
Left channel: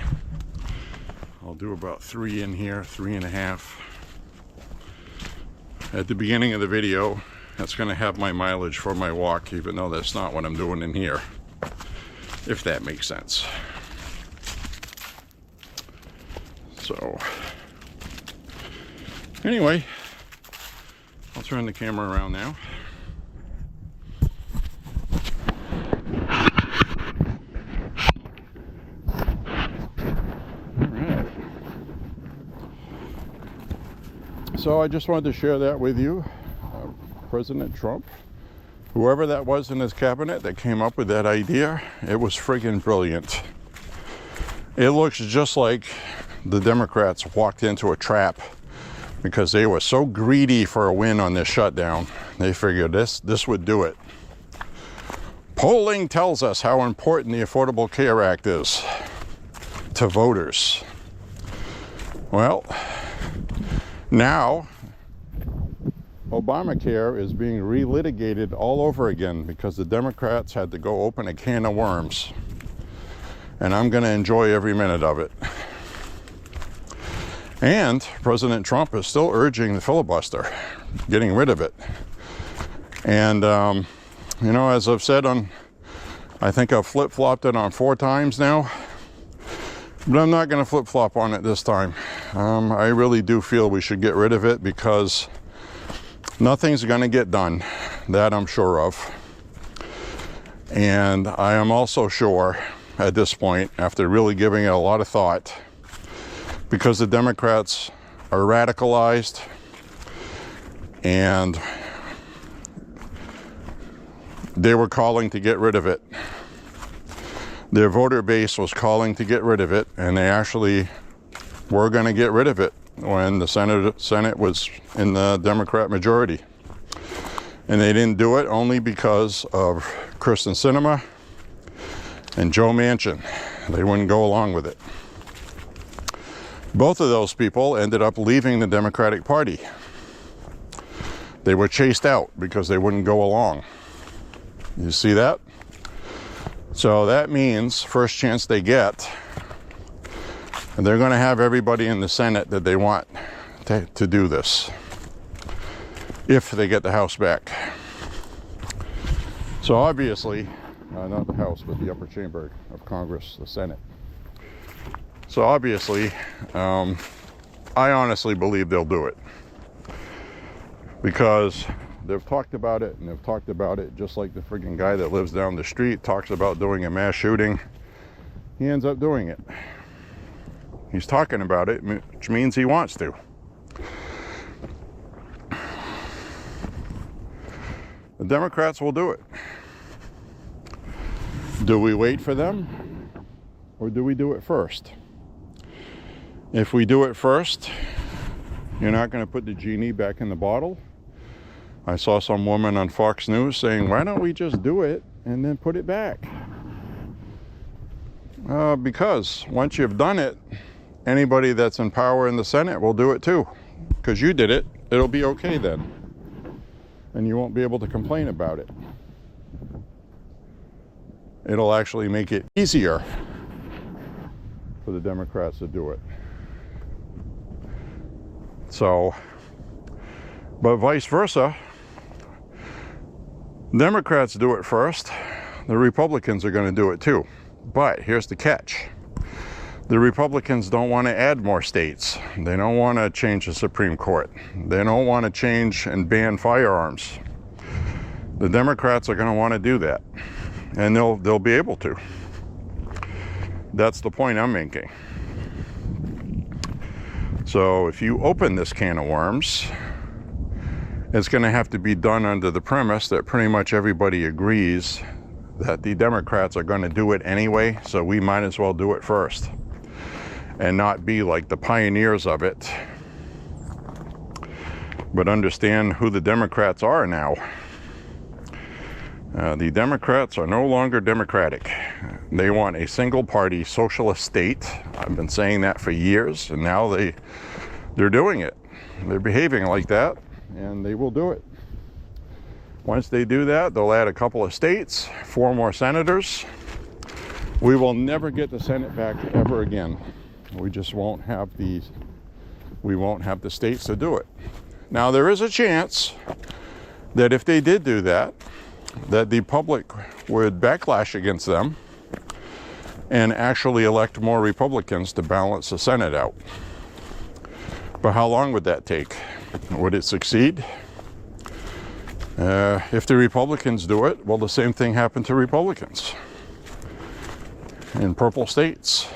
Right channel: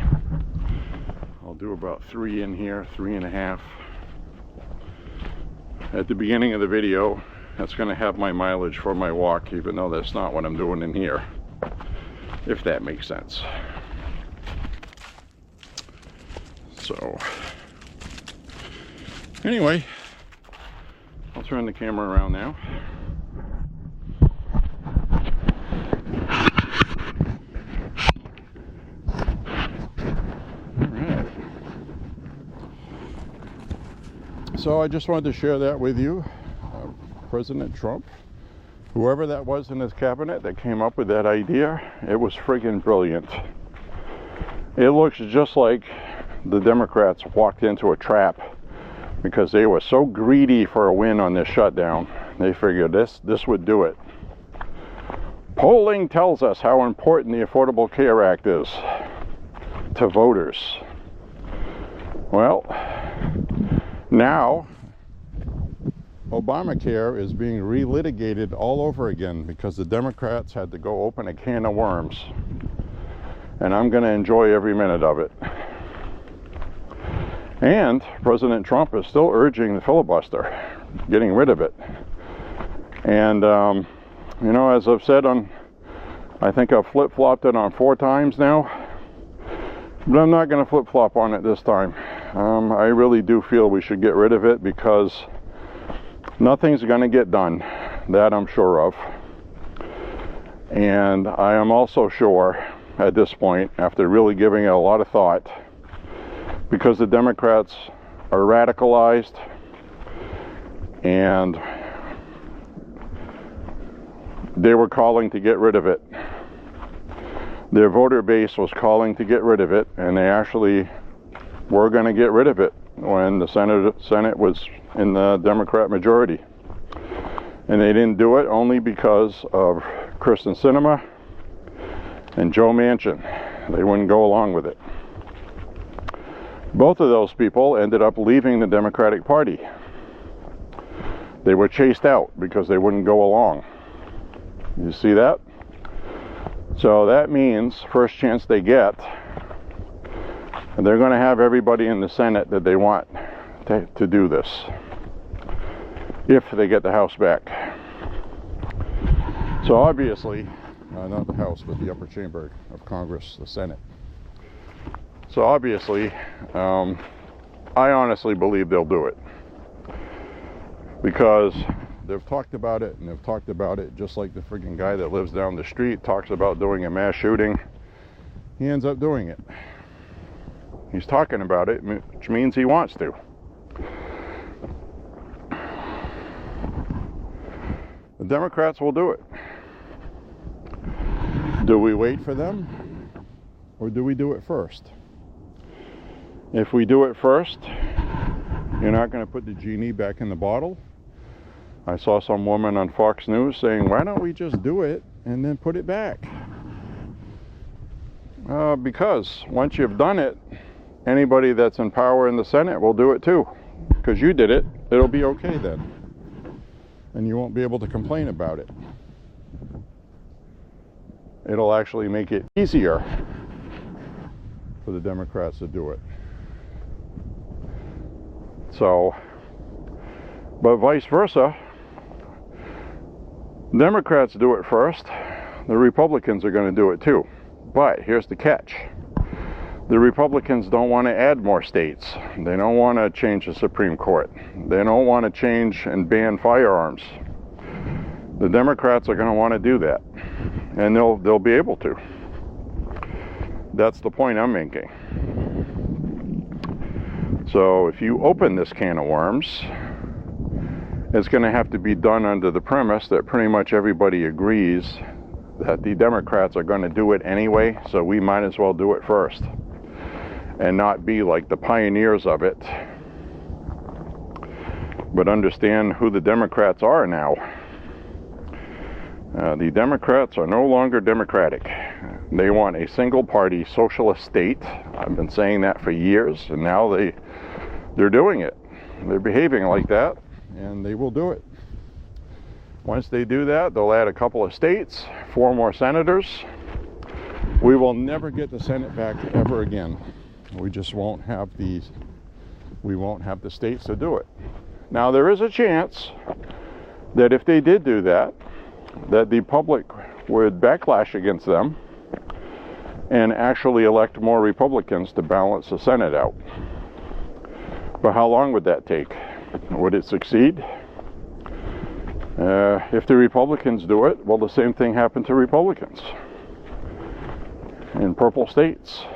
I'll do about 3 in here, 3.5. At the beginning of the video, that's going to have my mileage for my walk, even though that's not what I'm doing in here, if that makes sense. So, anyway, I'll turn the camera around now. So I just wanted to share that with you. President Trump, whoever that was in his cabinet that came up with that idea, it was friggin' brilliant. It looks just like the Democrats walked into a trap because they were so greedy for a win on this shutdown. They figured this would do it. Polling tells us how important the Affordable Care Act is to voters. Well, now, Obamacare is being relitigated all over again because the Democrats had to go open a can of worms. And I'm going to enjoy every minute of it. And President Trump is still urging the filibuster, getting rid of it. And, you know, as I've said I think I've flip-flopped it on 4 times now. But I'm not going to flip-flop on it this time. I really do feel we should get rid of it because nothing's going to get done. That I'm sure of. And I am also sure at this point, after really giving it a lot of thought, because the Democrats are radicalized and they were calling to get rid of it. Their voter base was calling to get rid of it, and they actually were going to get rid of it when the Senate was in the Democrat majority. And they didn't do it only because of Kyrsten Sinema and Joe Manchin. They wouldn't go along with it. Both of those people ended up leaving the Democratic Party. They were chased out because they wouldn't go along. You see that? So that means first chance they get, and they're going to have everybody in the Senate that they want to do this, if they get the House back. So obviously, not the House, but the upper chamber of Congress, the Senate. So obviously, I honestly believe they'll do it. Because they've talked about it, and they've talked about it just like the friggin' guy that lives down the street talks about doing a mass shooting. He ends up doing it. He's talking about it, which means he wants to. The Democrats will do it. Do we wait for them, or do we do it first? If we do it first, you're not going to put the genie back in the bottle. I saw some woman on Fox News saying, why don't we just do it and then put it back? Because once you've done it, anybody that's in power in the Senate will do it too. Because you did it, it'll be okay then. And you won't be able to complain about it. It'll actually make it easier for the Democrats to do it. So, but vice versa, Democrats do it first, the Republicans are going to do it too. But here's the catch. The Republicans don't want to add more states. They don't want to change the Supreme Court. They don't want to change and ban firearms. The Democrats are going to want to do that. And they'll be able to. That's the point I'm making. So if you open this can of worms, it's going to have to be done under the premise that pretty much everybody agrees that the Democrats are going to do it anyway, so we might as well do it first and not be like the pioneers of it, but understand who the Democrats are now. The Democrats are no longer democratic. They want a single-party socialist state. I've been saying that for years, and now they're doing it. They're behaving like that, and they will do it. Once they do that, they'll add a couple of states, 4 more senators. We will never get the Senate back ever again. We just won't have the states to do it. Now, there is a chance that if they did do that, that the public would backlash against them and actually elect more Republicans to balance the Senate out. But how long would that take? Would it succeed? If the Republicans do it, well, the same thing happened to Republicans in purple states.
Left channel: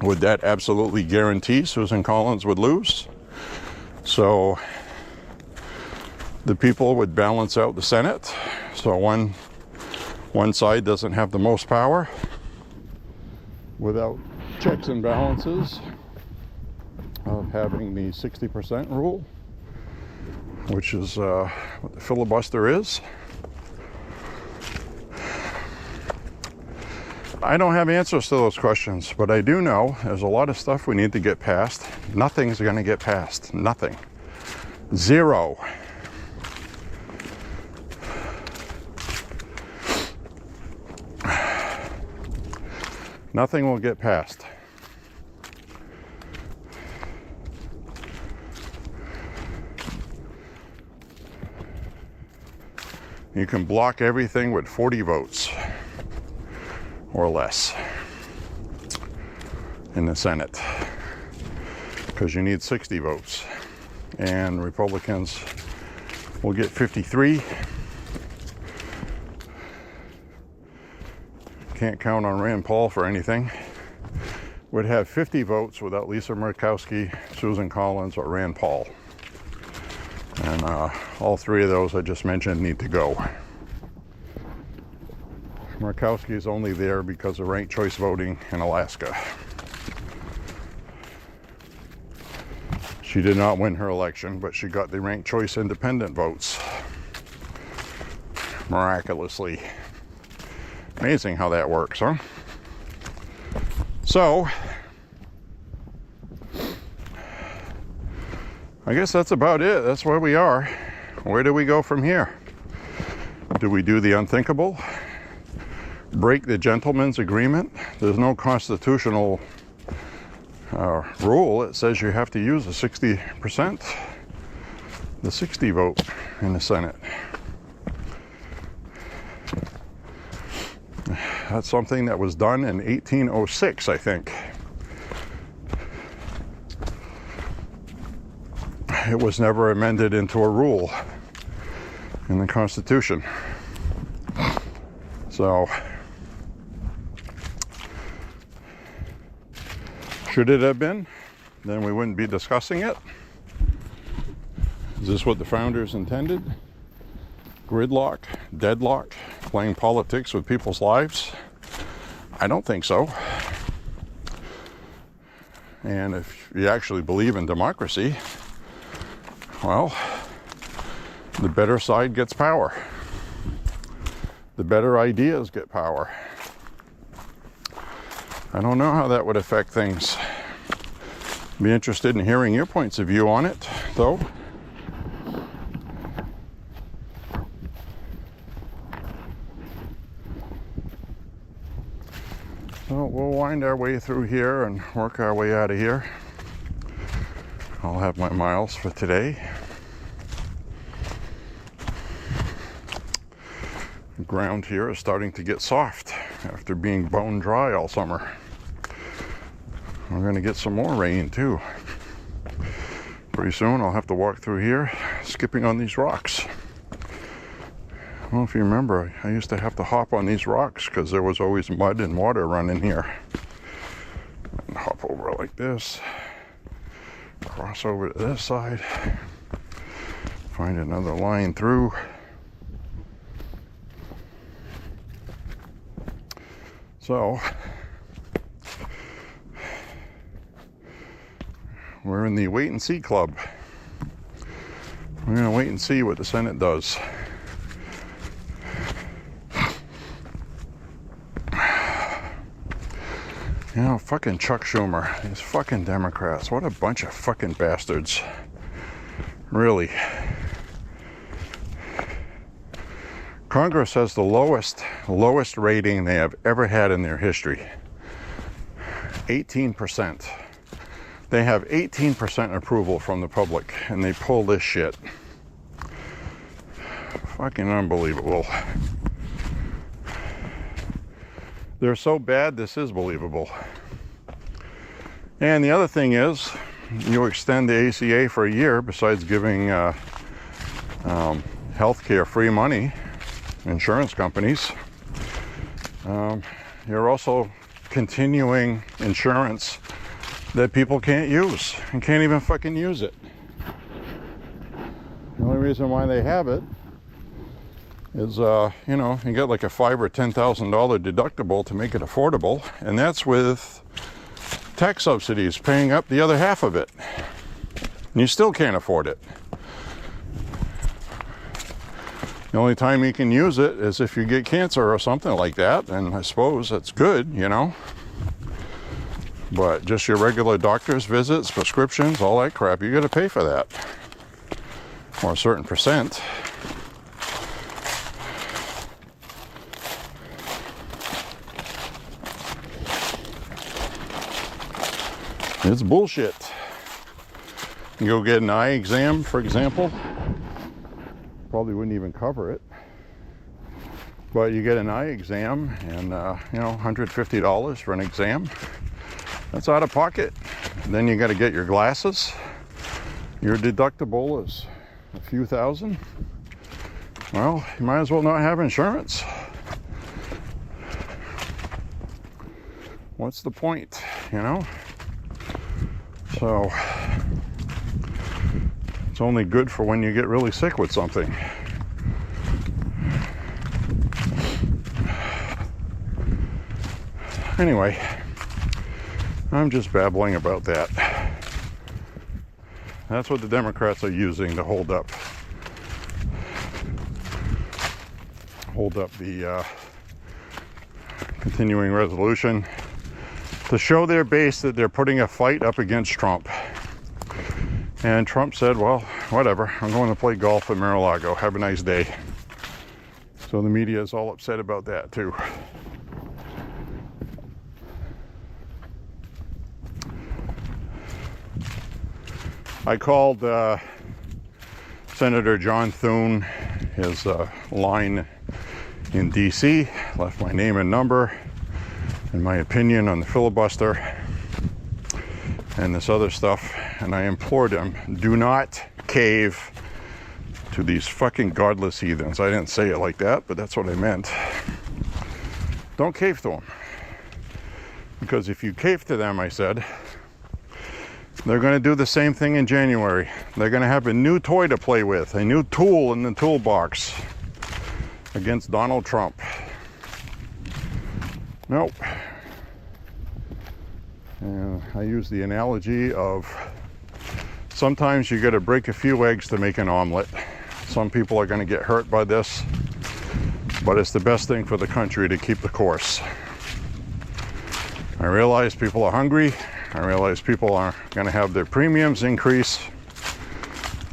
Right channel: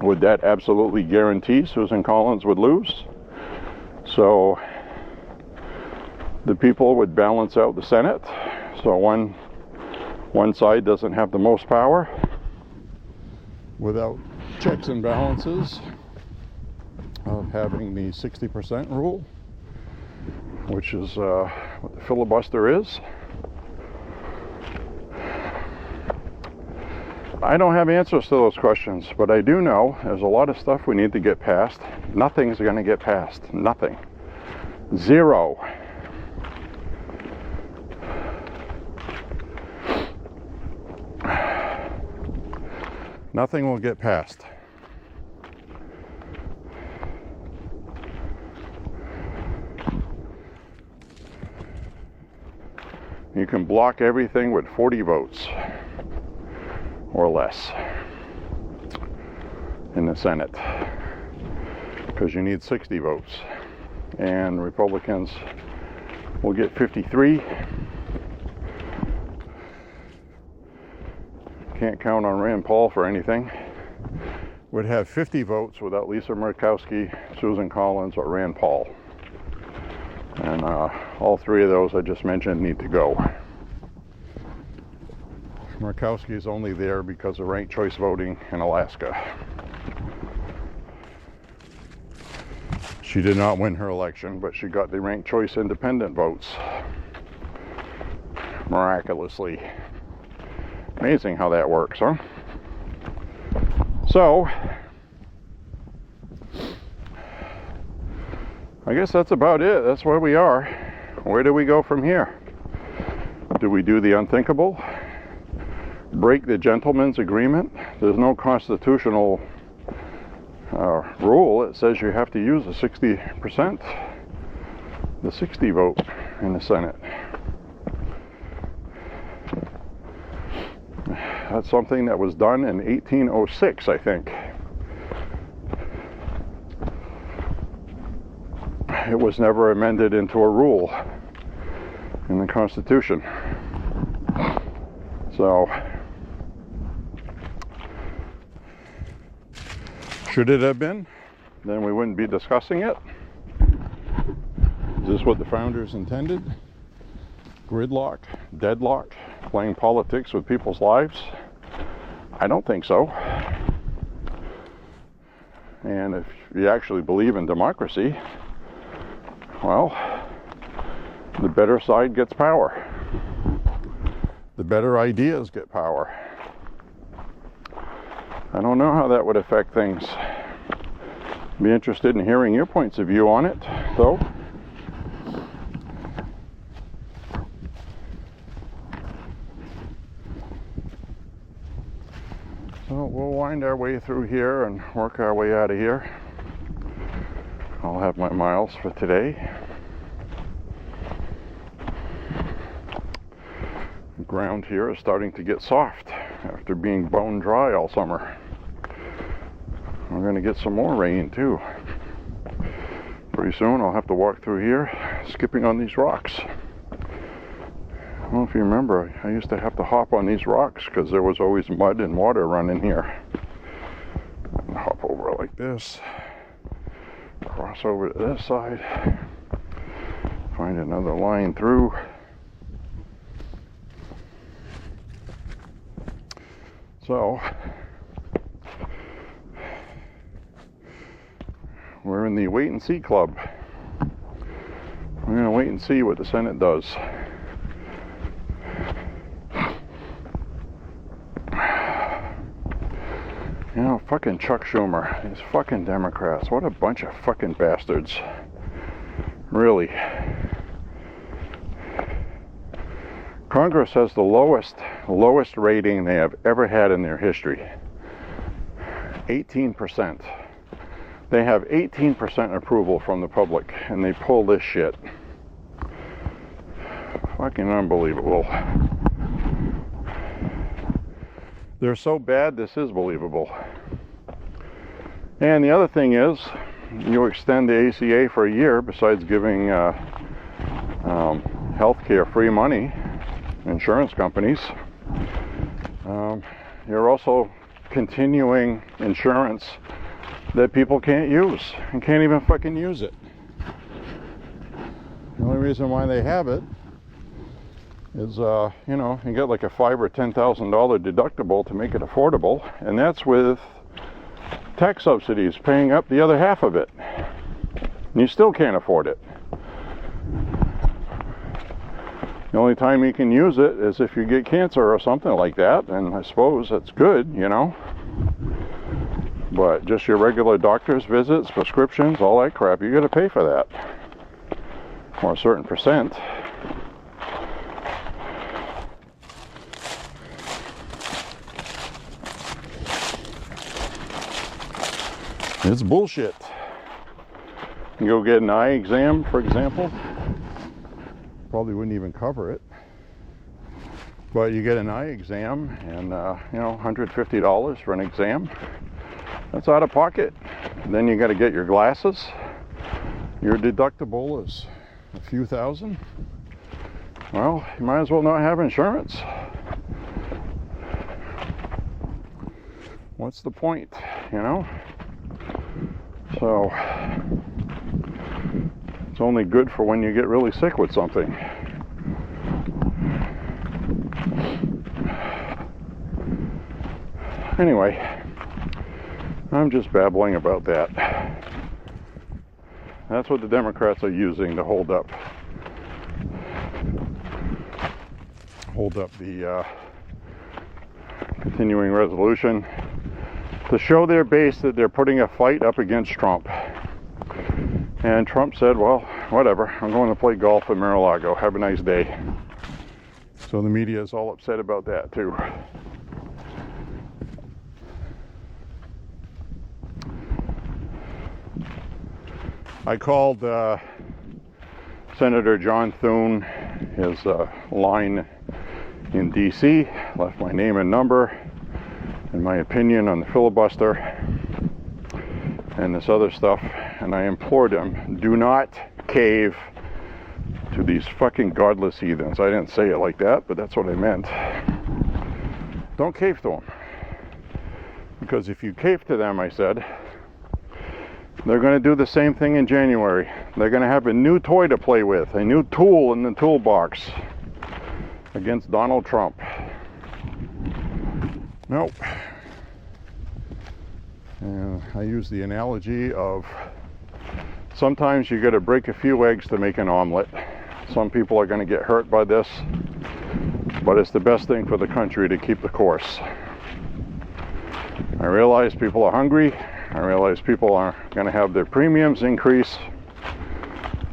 Would that absolutely guarantee Susan Collins would lose? So the people would balance out the Senate, so one side doesn't have the most power without checks and balances of having the 60% rule, which is what the filibuster is. I don't have answers to those questions, but I do know there's a lot of stuff we need to get passed. Nothing's going to get passed. Nothing. Zero. Nothing will get passed. You can block everything with 40 votes or less in the Senate, because you need 60 votes, and Republicans will get 53. Can't count on Rand Paul for anything. Would have 50 votes without Lisa Murkowski, Susan Collins, or Rand Paul. And all three of those I just mentioned need to go. Murkowski is only there because of ranked choice voting in Alaska. She did not win her election, but she got the ranked choice independent votes. Miraculously. Amazing how that works, huh? So, I guess that's about it. That's where we are. Where do we go from here? Do we do the unthinkable? Break the gentleman's agreement? There's no constitutional rule. It says you have to use the 60%, the 60 vote in the Senate. That's something that was done in 1806, I think. It was never amended into a rule in the Constitution. So, should it have been, then we wouldn't be discussing it. Is this what the founders intended? Gridlock, deadlock, playing politics with people's lives? I don't think so. And if you actually believe in democracy, well, the better side gets power. The better ideas get power. I don't know how that would affect things. Be interested in hearing your points of view on it, though. So we'll wind our way through here and work our way out of here. I'll have my miles for today. The ground here is starting to get soft after being bone dry all summer. We're going to get some more rain too. Pretty soon I'll have to walk through here skipping on these rocks. I don't know if you remember, I used to have to hop on these rocks because there was always mud and water running here. And hop over like this, cross over to this side, find another line through. So, we're in the wait and see club. We're going to wait and see what the Senate does. You know, fucking Chuck Schumer, these fucking Democrats, what a bunch of fucking bastards. Really. Congress has the lowest rating they have ever had in their history. 18%. They have 18% approval from the public, and they pull this shit. Fucking unbelievable. They're so bad, this is believable. And the other thing is, you extend the ACA for a year, besides giving healthcare free money, insurance companies, you're also continuing insurance that people can't use and can't even fucking use it. The only reason why they have it is, you know, you get like a $5,000 or $10,000 deductible to make it affordable, and that's with tax subsidies paying up the other half of it. And you still can't afford it. The only time you can use it is if you get cancer or something like that, and I suppose that's good, you know. But just your regular doctor's visits, prescriptions, all that crap, you got to pay for that, or a certain percent. It's bullshit. You go get an eye exam, for example, probably wouldn't even cover it. But you get an eye exam, and you know, $150 for an exam. That's out of pocket. And then you got to get your glasses. Your deductible is a few thousand. Well, you might as well not have insurance. What's the point, you know? So it's only good for when you get really sick with something. Anyway, I'm just babbling about that. That's what the Democrats are using to hold up the continuing resolution, to show their base that they're putting a fight up against Trump. And Trump said, well, whatever, I'm going to play golf at Mar-a-Lago. Have a nice day. So the media is all upset about that too. I called Senator John Thune, his line in DC, left my name and number and my opinion on the filibuster and this other stuff, and I implored him, do not cave to these fucking godless heathens. I didn't say it like that, but that's what I meant. Don't cave to them. Because if you cave to them, I said, they're going to do the same thing in January. They're going to have a new toy to play with, a new tool in the toolbox against Donald Trump. Nope. And I use the analogy of sometimes you got to break a few eggs to make an omelet. Some people are going to get hurt by this, but it's the best thing for the country to keep the course. I realize people are hungry. I realize people are going to have their premiums increase,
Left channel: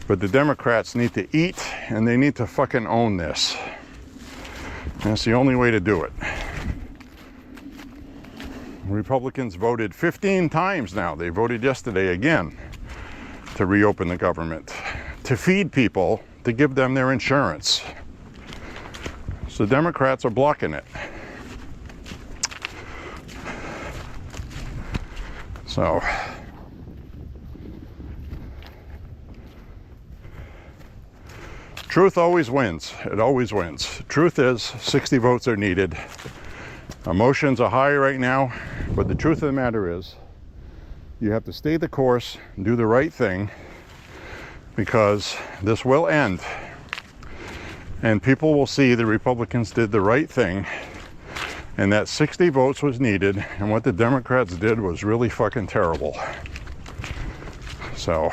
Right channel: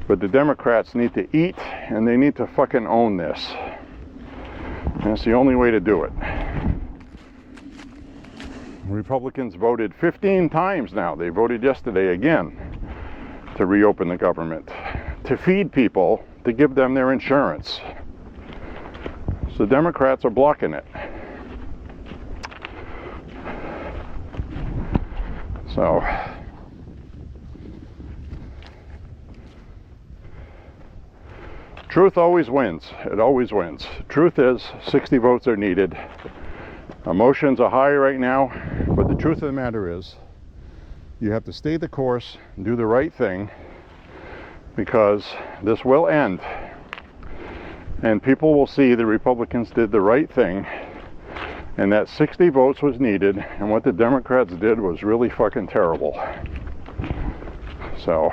but the Democrats need to eat, and they need to fucking own this. And it's the only way to do it. Republicans voted 15 times now. They voted yesterday again to reopen the government, to feed people, to give them their insurance. So Democrats are blocking it. So truth always wins. It always wins. Truth is 60 votes are needed. Emotions are high right now, but the truth of the matter is you have to stay the course and do the right thing, because this will end and people will see the Republicans did the right thing, and that 60 votes was needed, and what the Democrats did was really fucking terrible. So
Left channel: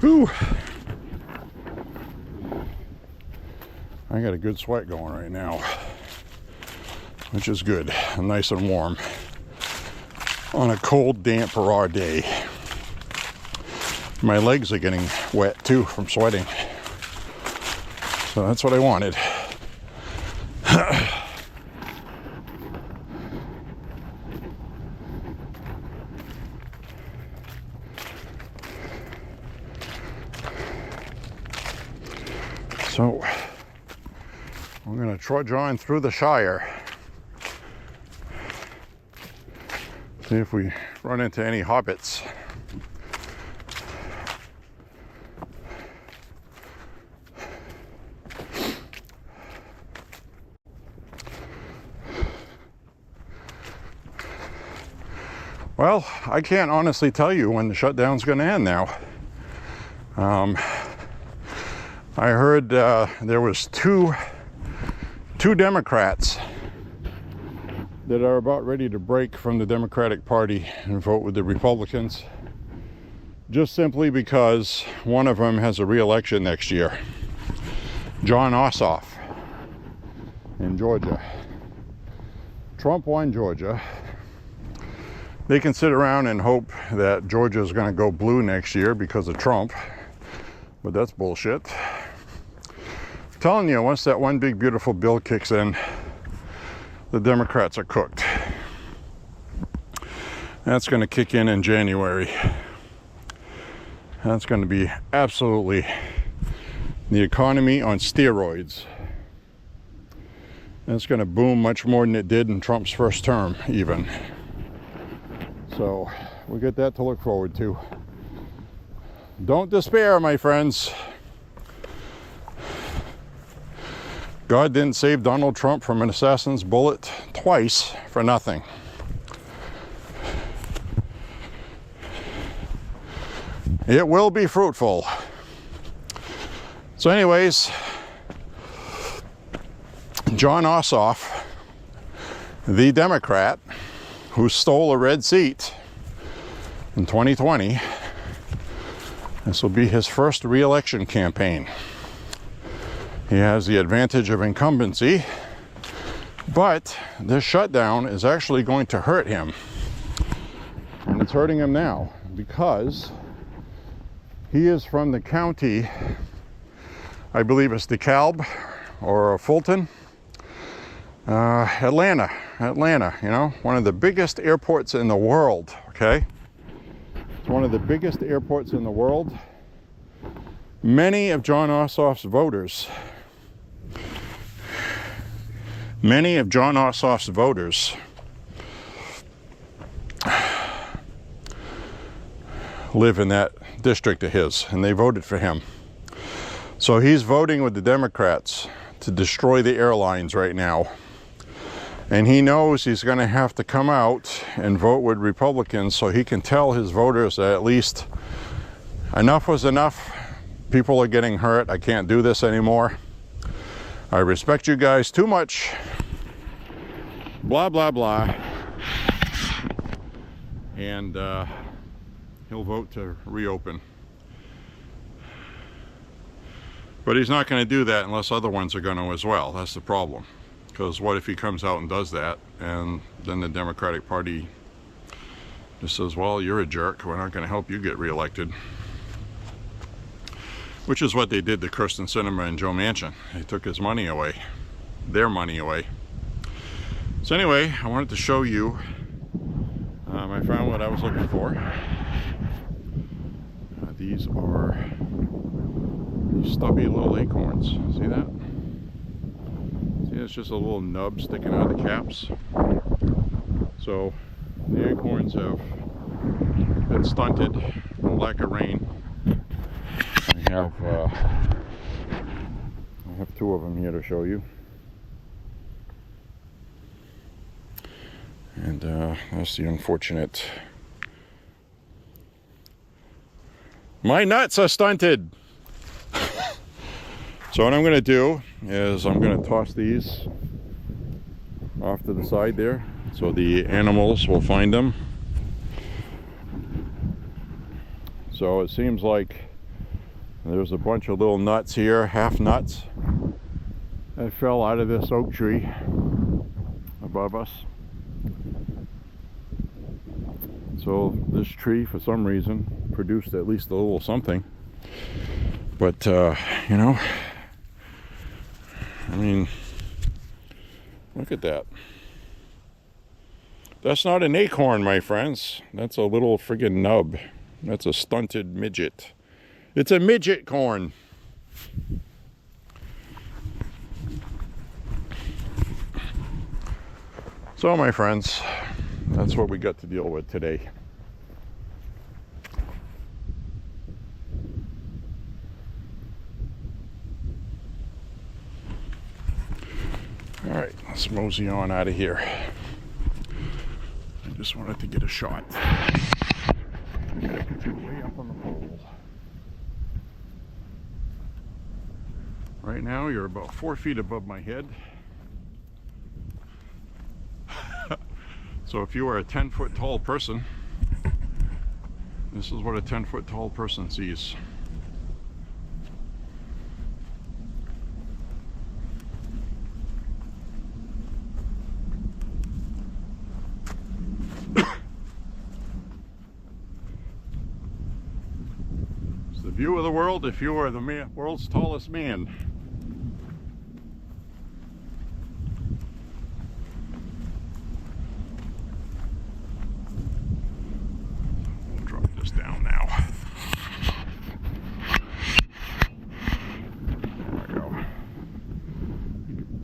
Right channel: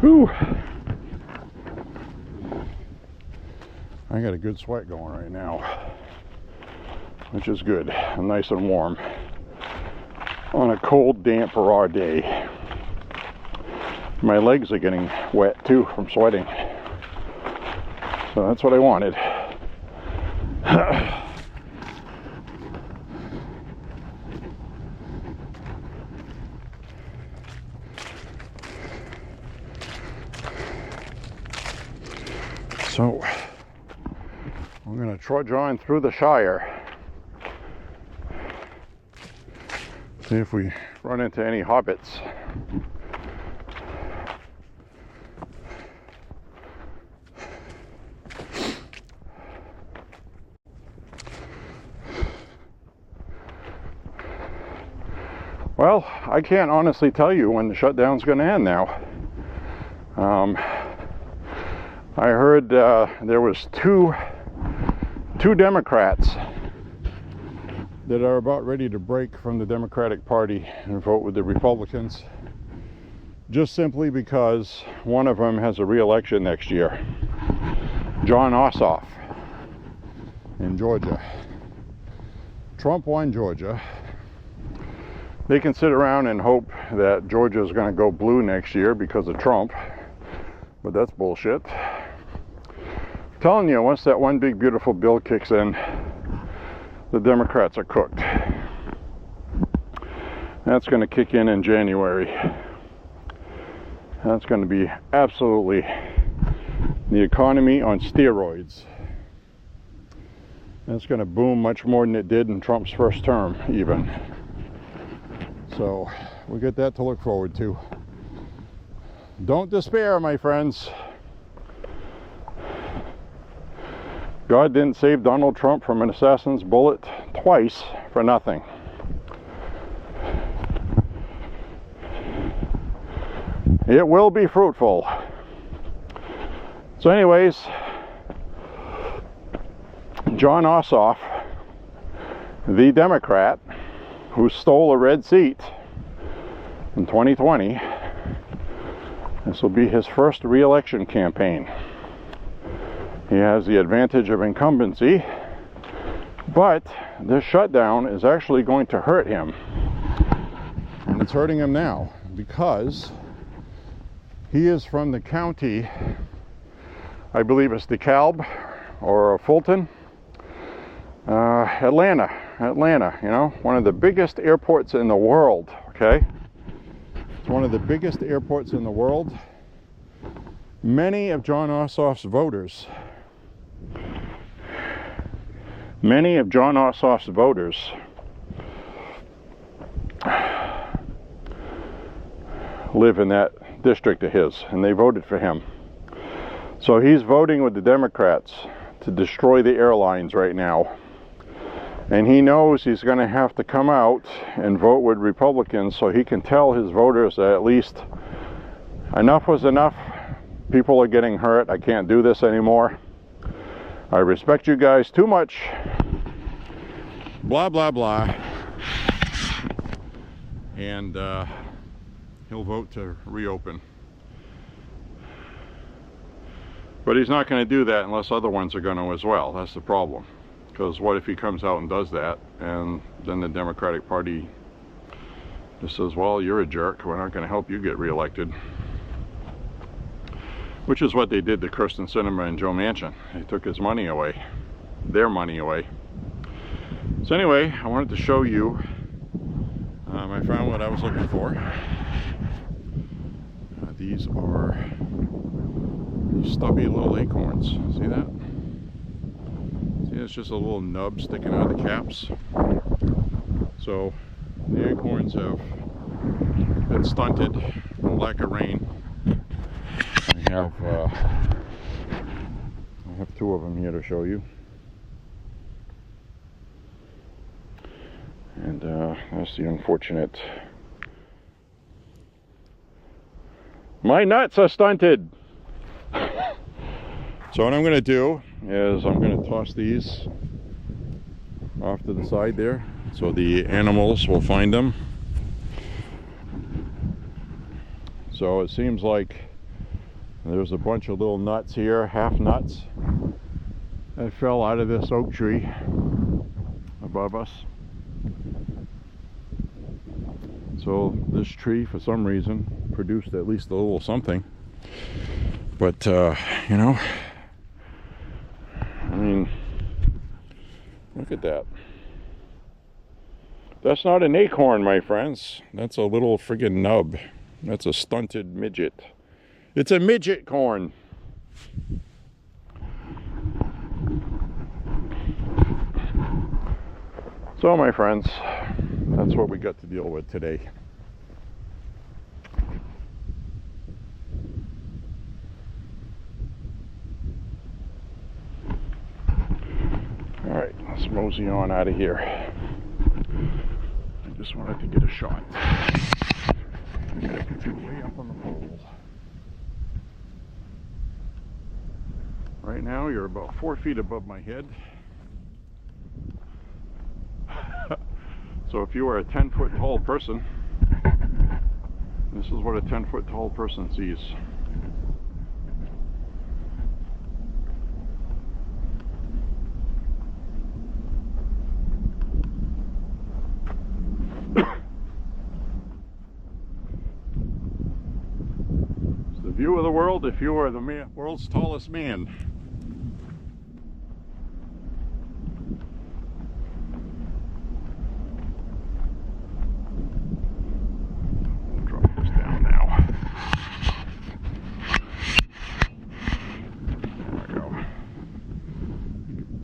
whew. I got a good sweat going right now, which is good. I'm nice and warm on a cold, damp, raw day. My legs are getting wet too from sweating. So that's what I wanted. So we're going to trudge on through the Shire. See if we run into any hobbits. Well, I can't honestly tell you when the shutdown's going to end now. I heard there was two Democrats that are about ready to break from the Democratic Party and vote with the Republicans, just simply because one of them has a re-election next year. Jon Ossoff in Georgia. Trump won Georgia. They can sit around and hope that Georgia is going to go blue next year because of Trump, but that's bullshit. I'm telling you, once that one big beautiful bill kicks in, the Democrats are cooked. That's going to kick in January. That's going to be absolutely the economy on steroids. And it's going to boom much more than it did in Trump's first term, even. So we get that to look forward to. Don't despair, my friends. God didn't save Donald Trump from an assassin's bullet twice for nothing. It will be fruitful. So anyways, Jon Ossoff, the Democrat who stole a red seat in 2020, this will be his first re-election campaign. He has the advantage of incumbency, but this shutdown is actually going to hurt him. And it's hurting him now because he is from the county, I believe it's DeKalb or Fulton, Atlanta, you know, one of the biggest airports in the world, okay? It's one of the biggest airports in the world. Many of Jon Ossoff's voters live in that district of his, and they voted for him. So he's voting with the Democrats to destroy the airlines right now. And he knows he's going to have to come out and vote with Republicans so he can tell his voters that at least enough was enough. People are getting hurt. I can't do this anymore. I respect you guys too much. Blah, blah, blah. And he'll vote to reopen. But he's not going to do that unless other ones are going to as well. That's the problem. Because what if he comes out and does that, and then the Democratic Party just says, well, you're a jerk, we're not going to help you get reelected. Which is what they did to Kyrsten Sinema and Joe Manchin. They took his money away, their money away. So anyway, I wanted to show you, I found what I was looking for. These are stubby little acorns. See that? See, it's just a little nub sticking out of the caps. So the acorns have been stunted from lack of rain. I have two of them here to show you. And that's the unfortunate. My nuts are stunted. So what I'm going to do is I'm going to toss these off to the side there so the animals will find them. So it seems like there's a bunch of little nuts here, half nuts, that fell out of this oak tree above us. So this tree, for some reason, produced at least a little something. But, you know, I mean, Look at that. That's not an acorn, my friends. That's a little friggin' nub. That's a stunted midget. It's a midget corn. So, my friends, that's what we got to deal with today. All right, let's mosey on out of here. I just wanted to get a shot. I'm gonna put you way up on the pole. Right now, you're about 4 feet above my head. So if you are a 10-foot tall person, this is what a 10-foot tall person sees. It's the view of the world if you are the world's tallest man.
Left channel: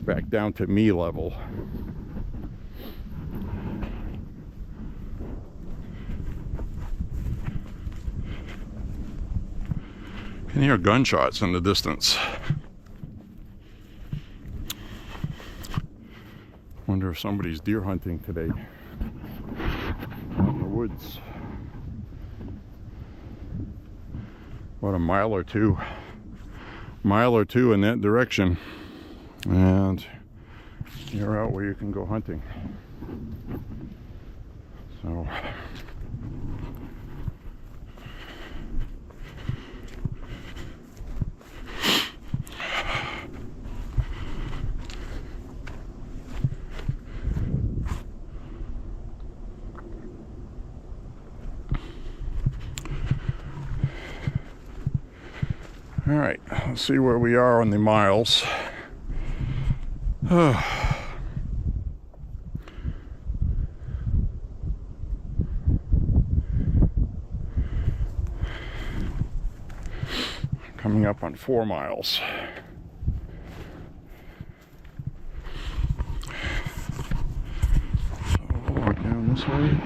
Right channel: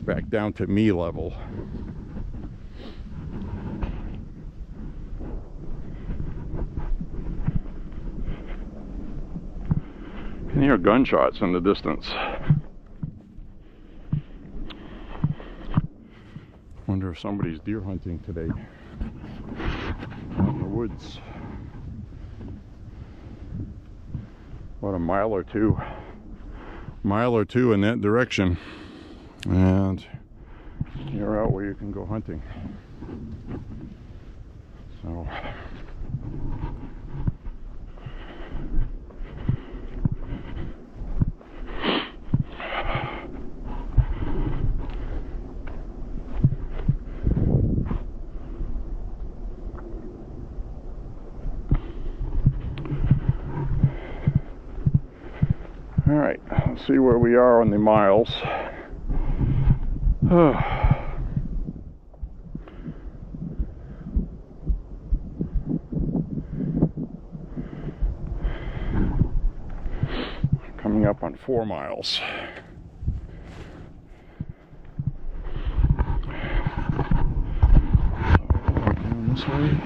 Back down to me level. You can hear gunshots in the distance. Wonder if somebody's deer hunting today out in the woods. About a mile or two in that direction. And you're out where you can go hunting. So all right, let's see where we are on the miles. Coming up on 4 miles. Down this way.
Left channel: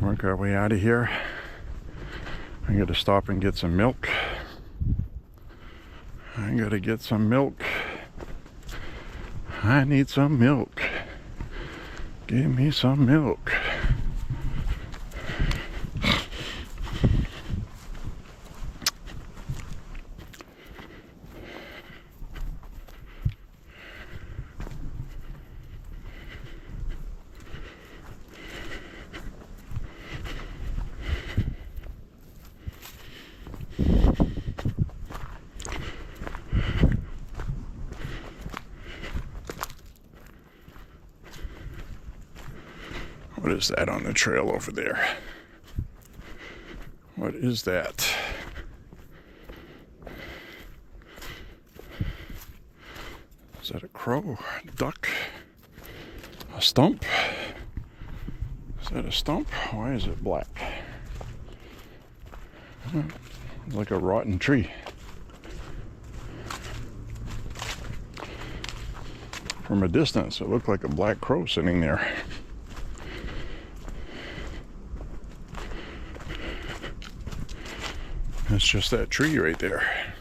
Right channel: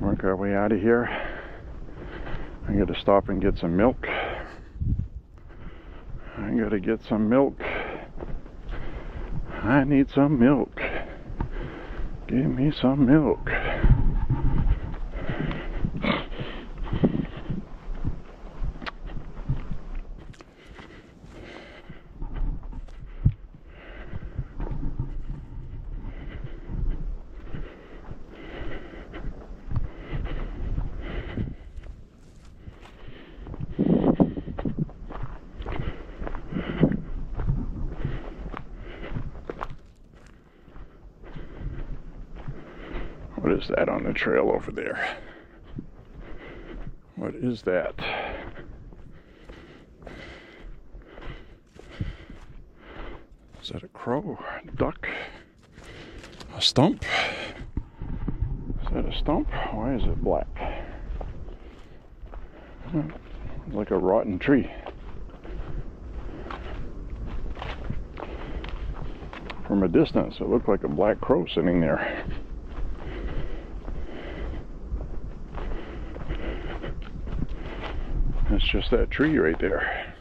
Work our way out of here. I gotta stop and get some milk. I gotta get some milk. I need some milk. Give me some milk. What is that on the trail over there? What is that? Is that a crow? A duck? A stump? Is that a stump? Why is it black? Like a rotten tree. From a distance, it looked like a black crow sitting there. It's just that tree right there.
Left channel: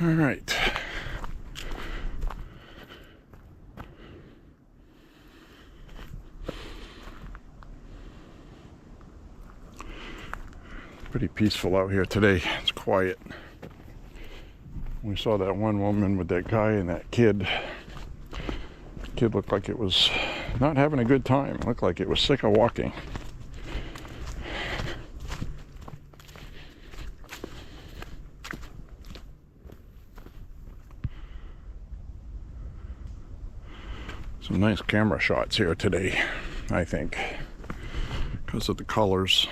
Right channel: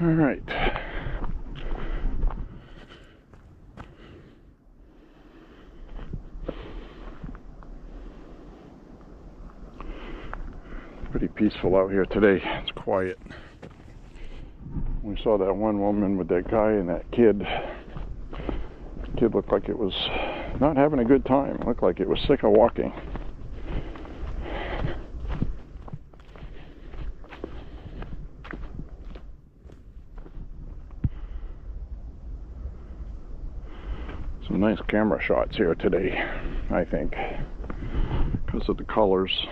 All right. Pretty peaceful out here today. It's quiet. We saw that one woman with that guy and that kid. The kid looked like it was not having a good time. It looked like it was sick of walking. some nice camera shots here today, I think, because of the colors.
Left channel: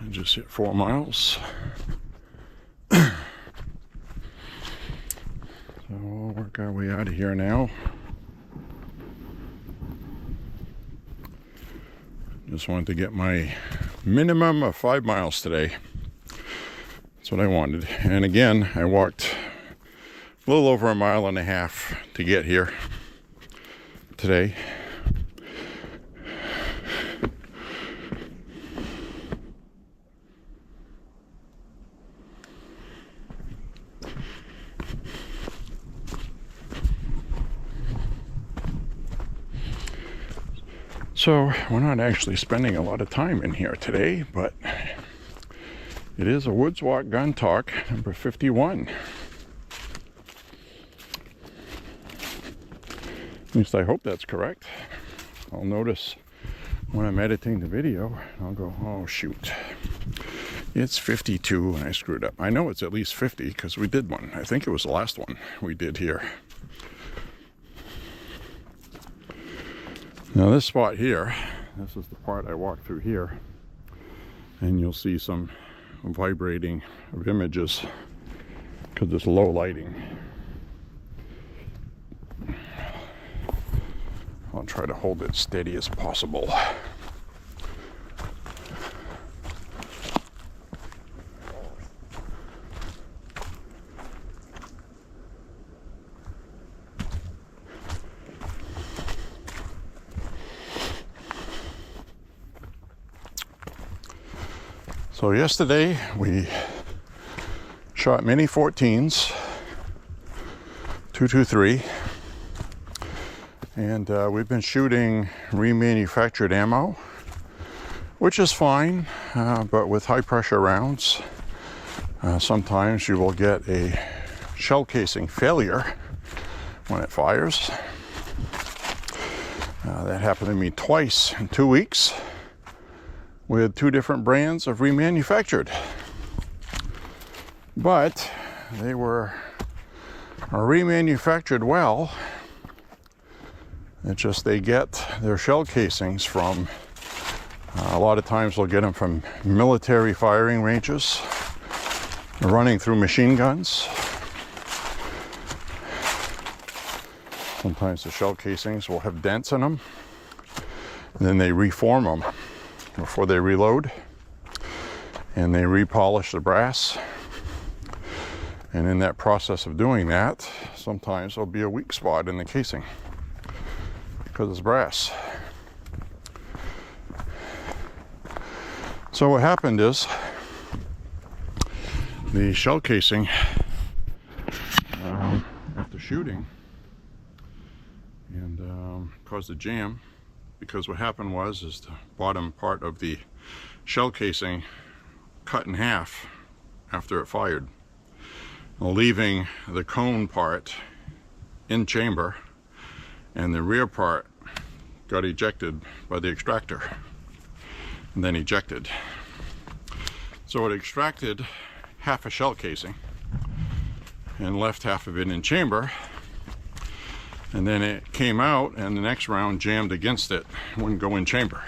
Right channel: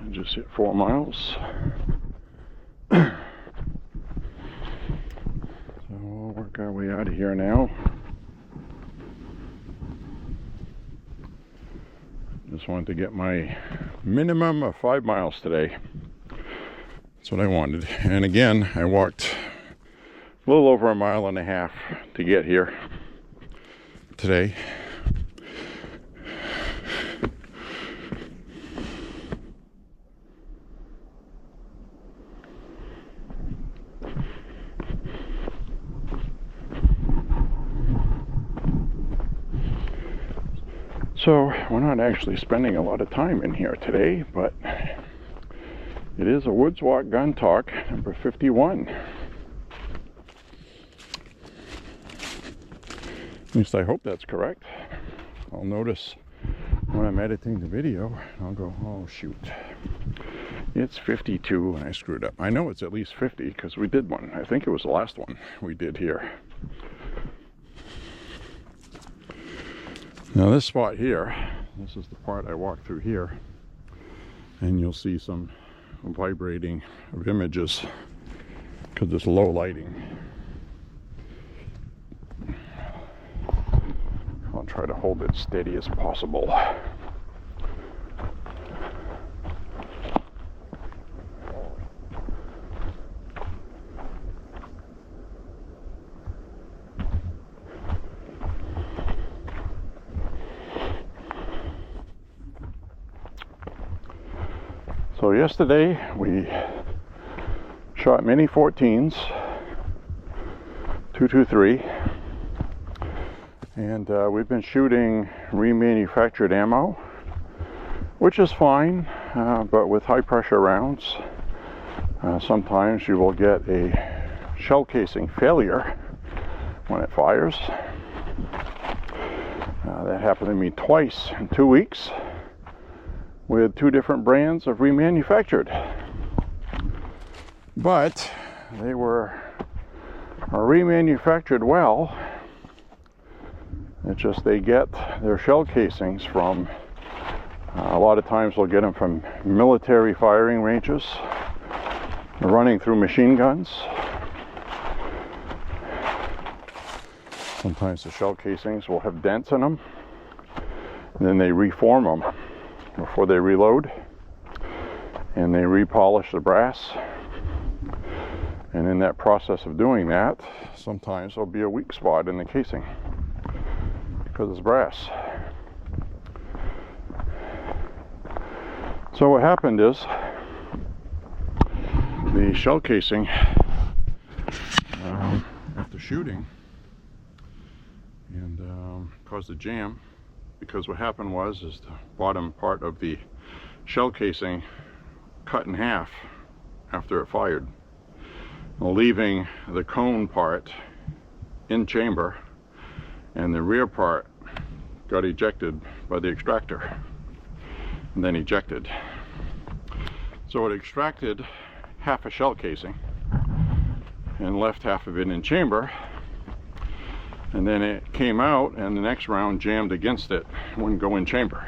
I just hit 4 miles. So we'll work our way out of here now. Just wanted to get my minimum of 5 miles today. That's what I wanted. And again, I walked a little over 1.5 miles to get here today. So we're not actually spending a lot of time in here today, but it is a Woods Walk Gun Talk number 51. At least I hope that's correct. I'll notice when I'm editing the video, I'll go, oh shoot, it's 52 and I screwed up. I know it's at least 50 because we did one. I think it was the last one we did here. Now this spot here, this is the part I walked through here, and you'll see some vibrating of images because it's low lighting. I'll try to hold it steady as possible. So yesterday we shot Mini 14s, 223, and we've been shooting remanufactured ammo, which is fine, but with high pressure rounds, sometimes you will get a shell casing failure when it fires. That happened to me twice in 2 weeks. With 2 different brands of remanufactured, but they were remanufactured well. It's just they get their shell casings from, a lot of times they'll get them from military firing ranges. They're running through machine guns. Sometimes the shell casings will have dents in them, and then they reform them before they reload, and they repolish the brass, and in that process of doing that, sometimes there'll be a weak spot in the casing because it's brass. So what happened is the shell casing, after shooting, and caused a jam. Because what happened was the bottom part of the shell casing cut in half after it fired, leaving the cone part in chamber, and the rear part got ejected by the extractor and then ejected. So it extracted half a shell casing and left half of it in chamber. And then it came out, and the next round jammed against it, wouldn't go in chamber.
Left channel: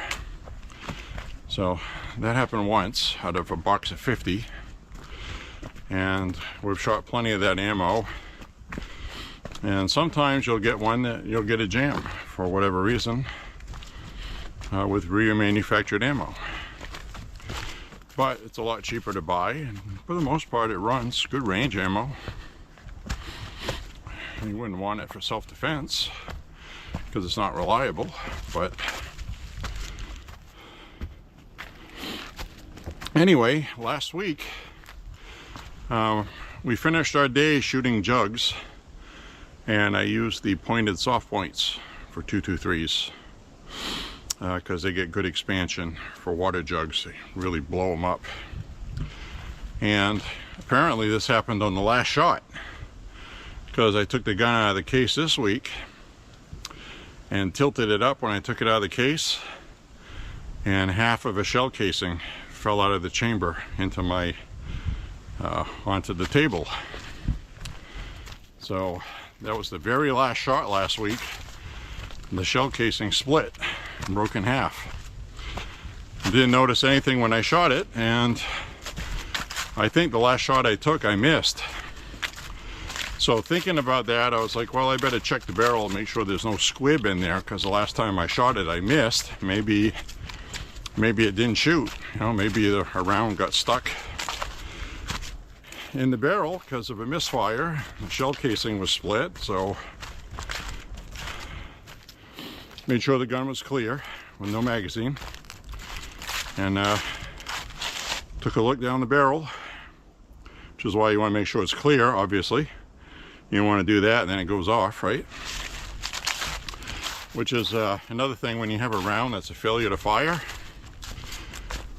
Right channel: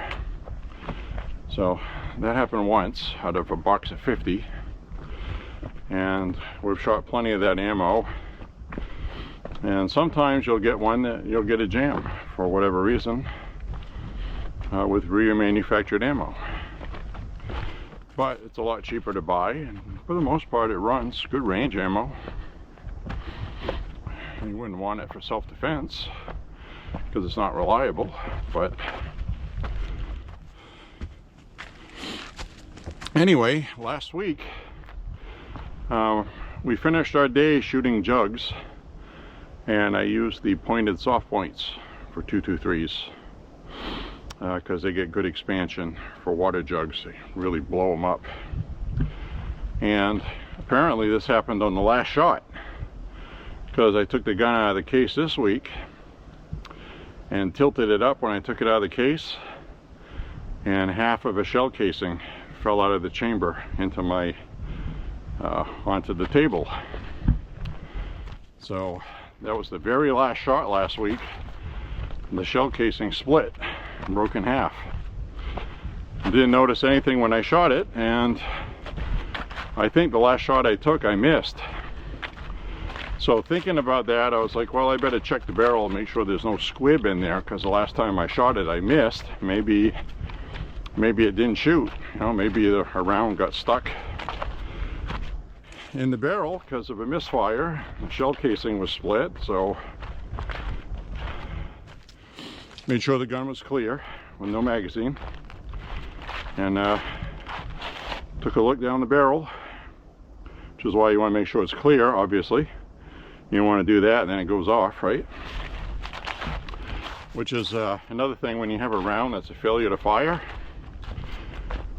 So that happened once out of a box of 50, and we've shot plenty of that ammo. And sometimes you'll get one that you'll get a jam for whatever reason with remanufactured ammo. But it's a lot cheaper to buy, and for the most part it runs good range ammo. You wouldn't want it for self-defense because it's not reliable, but anyway, last week we finished our day shooting jugs, and I used the pointed soft points for 223s because they get good expansion for water jugs. They really blow them up. And apparently this happened on the last shot, because I took the gun out of the case this week, and tilted it up when I took it out of the case, and half of a shell casing fell out of the chamber into my onto the table. So that was the very last shot last week. The shell casing split and broke in half. Didn't notice anything when I shot it, and I think the last shot I took I missed. So thinking about that, I was like, well, I better check the barrel and make sure there's no squib in there, because the last time I shot it I missed. Maybe it didn't shoot, you know, maybe a round got stuck in the barrel because of a misfire. The shell casing was split, so made sure the gun was clear with no magazine, and took a look down the barrel, which is why you want to make sure it's clear. Obviously you don't want to do that and then it goes off, right? Which is another thing when you have a round that's a failure to fire.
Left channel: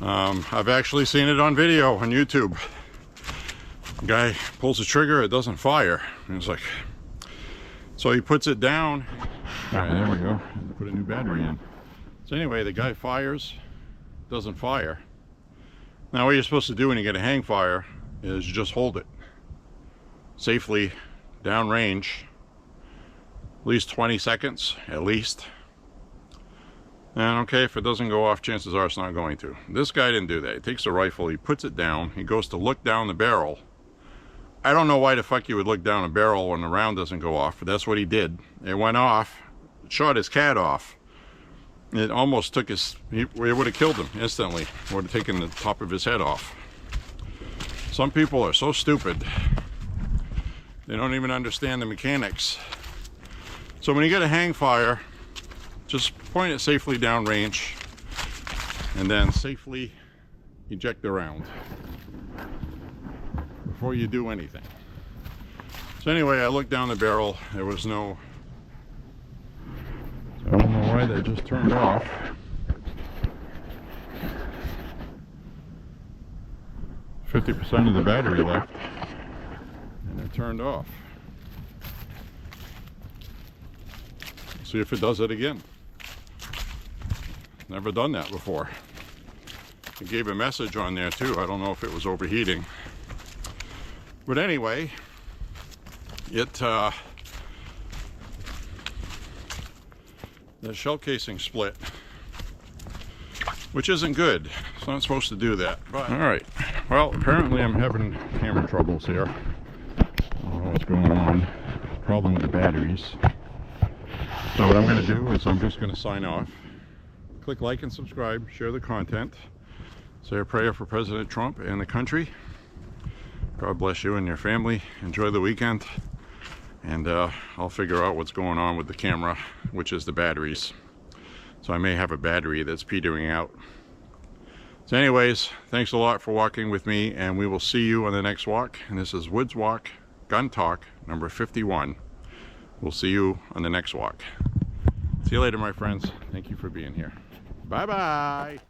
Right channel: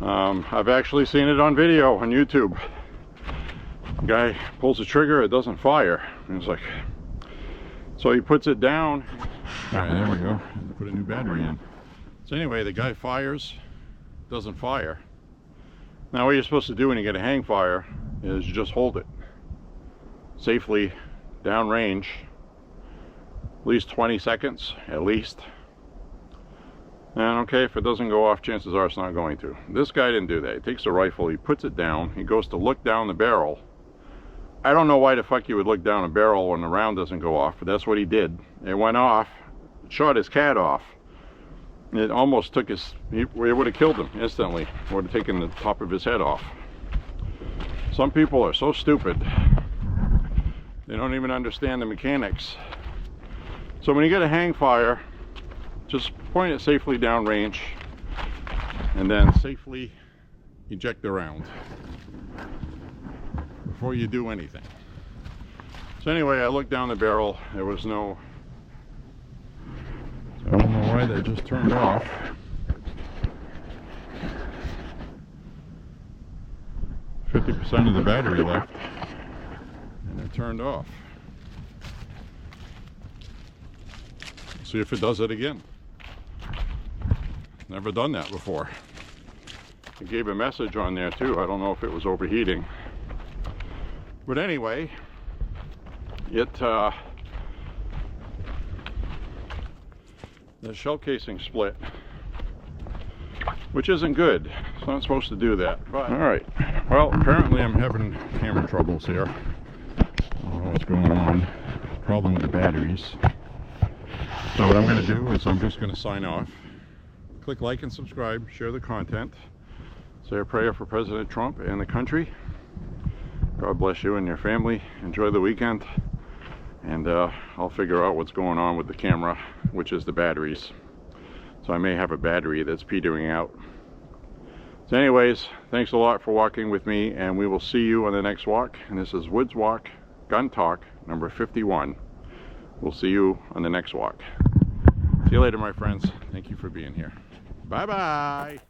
I've actually seen it on video on YouTube. Guy pulls the trigger, it doesn't fire, and it's like, so he puts it down. All right, there we go. Put a new battery in. So anyway, the guy fires, doesn't fire. Now what you're supposed to do when you get a hang fire is you just hold it safely down range, at least 20 seconds at least. And okay, if it doesn't go off, chances are it's not going to. This guy didn't do that. He takes the rifle, he puts it down, he goes to look down the barrel. I don't know why the fuck you would look down a barrel when the round doesn't go off, but that's what he did. It went off, it shot his cat off. It almost took his, it would have killed him instantly. It would have taken the top of his head off. Some people are so stupid, they don't even understand the mechanics. So when you get a hang fire, just point it safely down range and then safely eject the round before you do anything. So anyway, I looked down the barrel, there was no, so I don't know why that just turned off. %of the battery left and it turned off. See if it does it again. Never done that before. It gave a message on there too. I don't know if it was overheating. But anyway, it the shell casing split, which isn't good. It's not supposed to do that. But all right. Well, apparently I'm having camera troubles here. I don't know what's going on. Problem with the batteries. So what I'm going to do is I'm just going to sign off. Click like and subscribe, share the content, say a prayer for President Trump and the country. God bless you and your family. Enjoy the weekend, and I'll figure out what's going on with the camera, which is the batteries. So I may have a battery that's petering out. So anyways, thanks a lot for walking with me, and we will see you on the next walk. And this is Woods Walk Gun Talk number 51. We'll see you on the next walk. See you later, my friends. Thank you for being here. Bye-bye.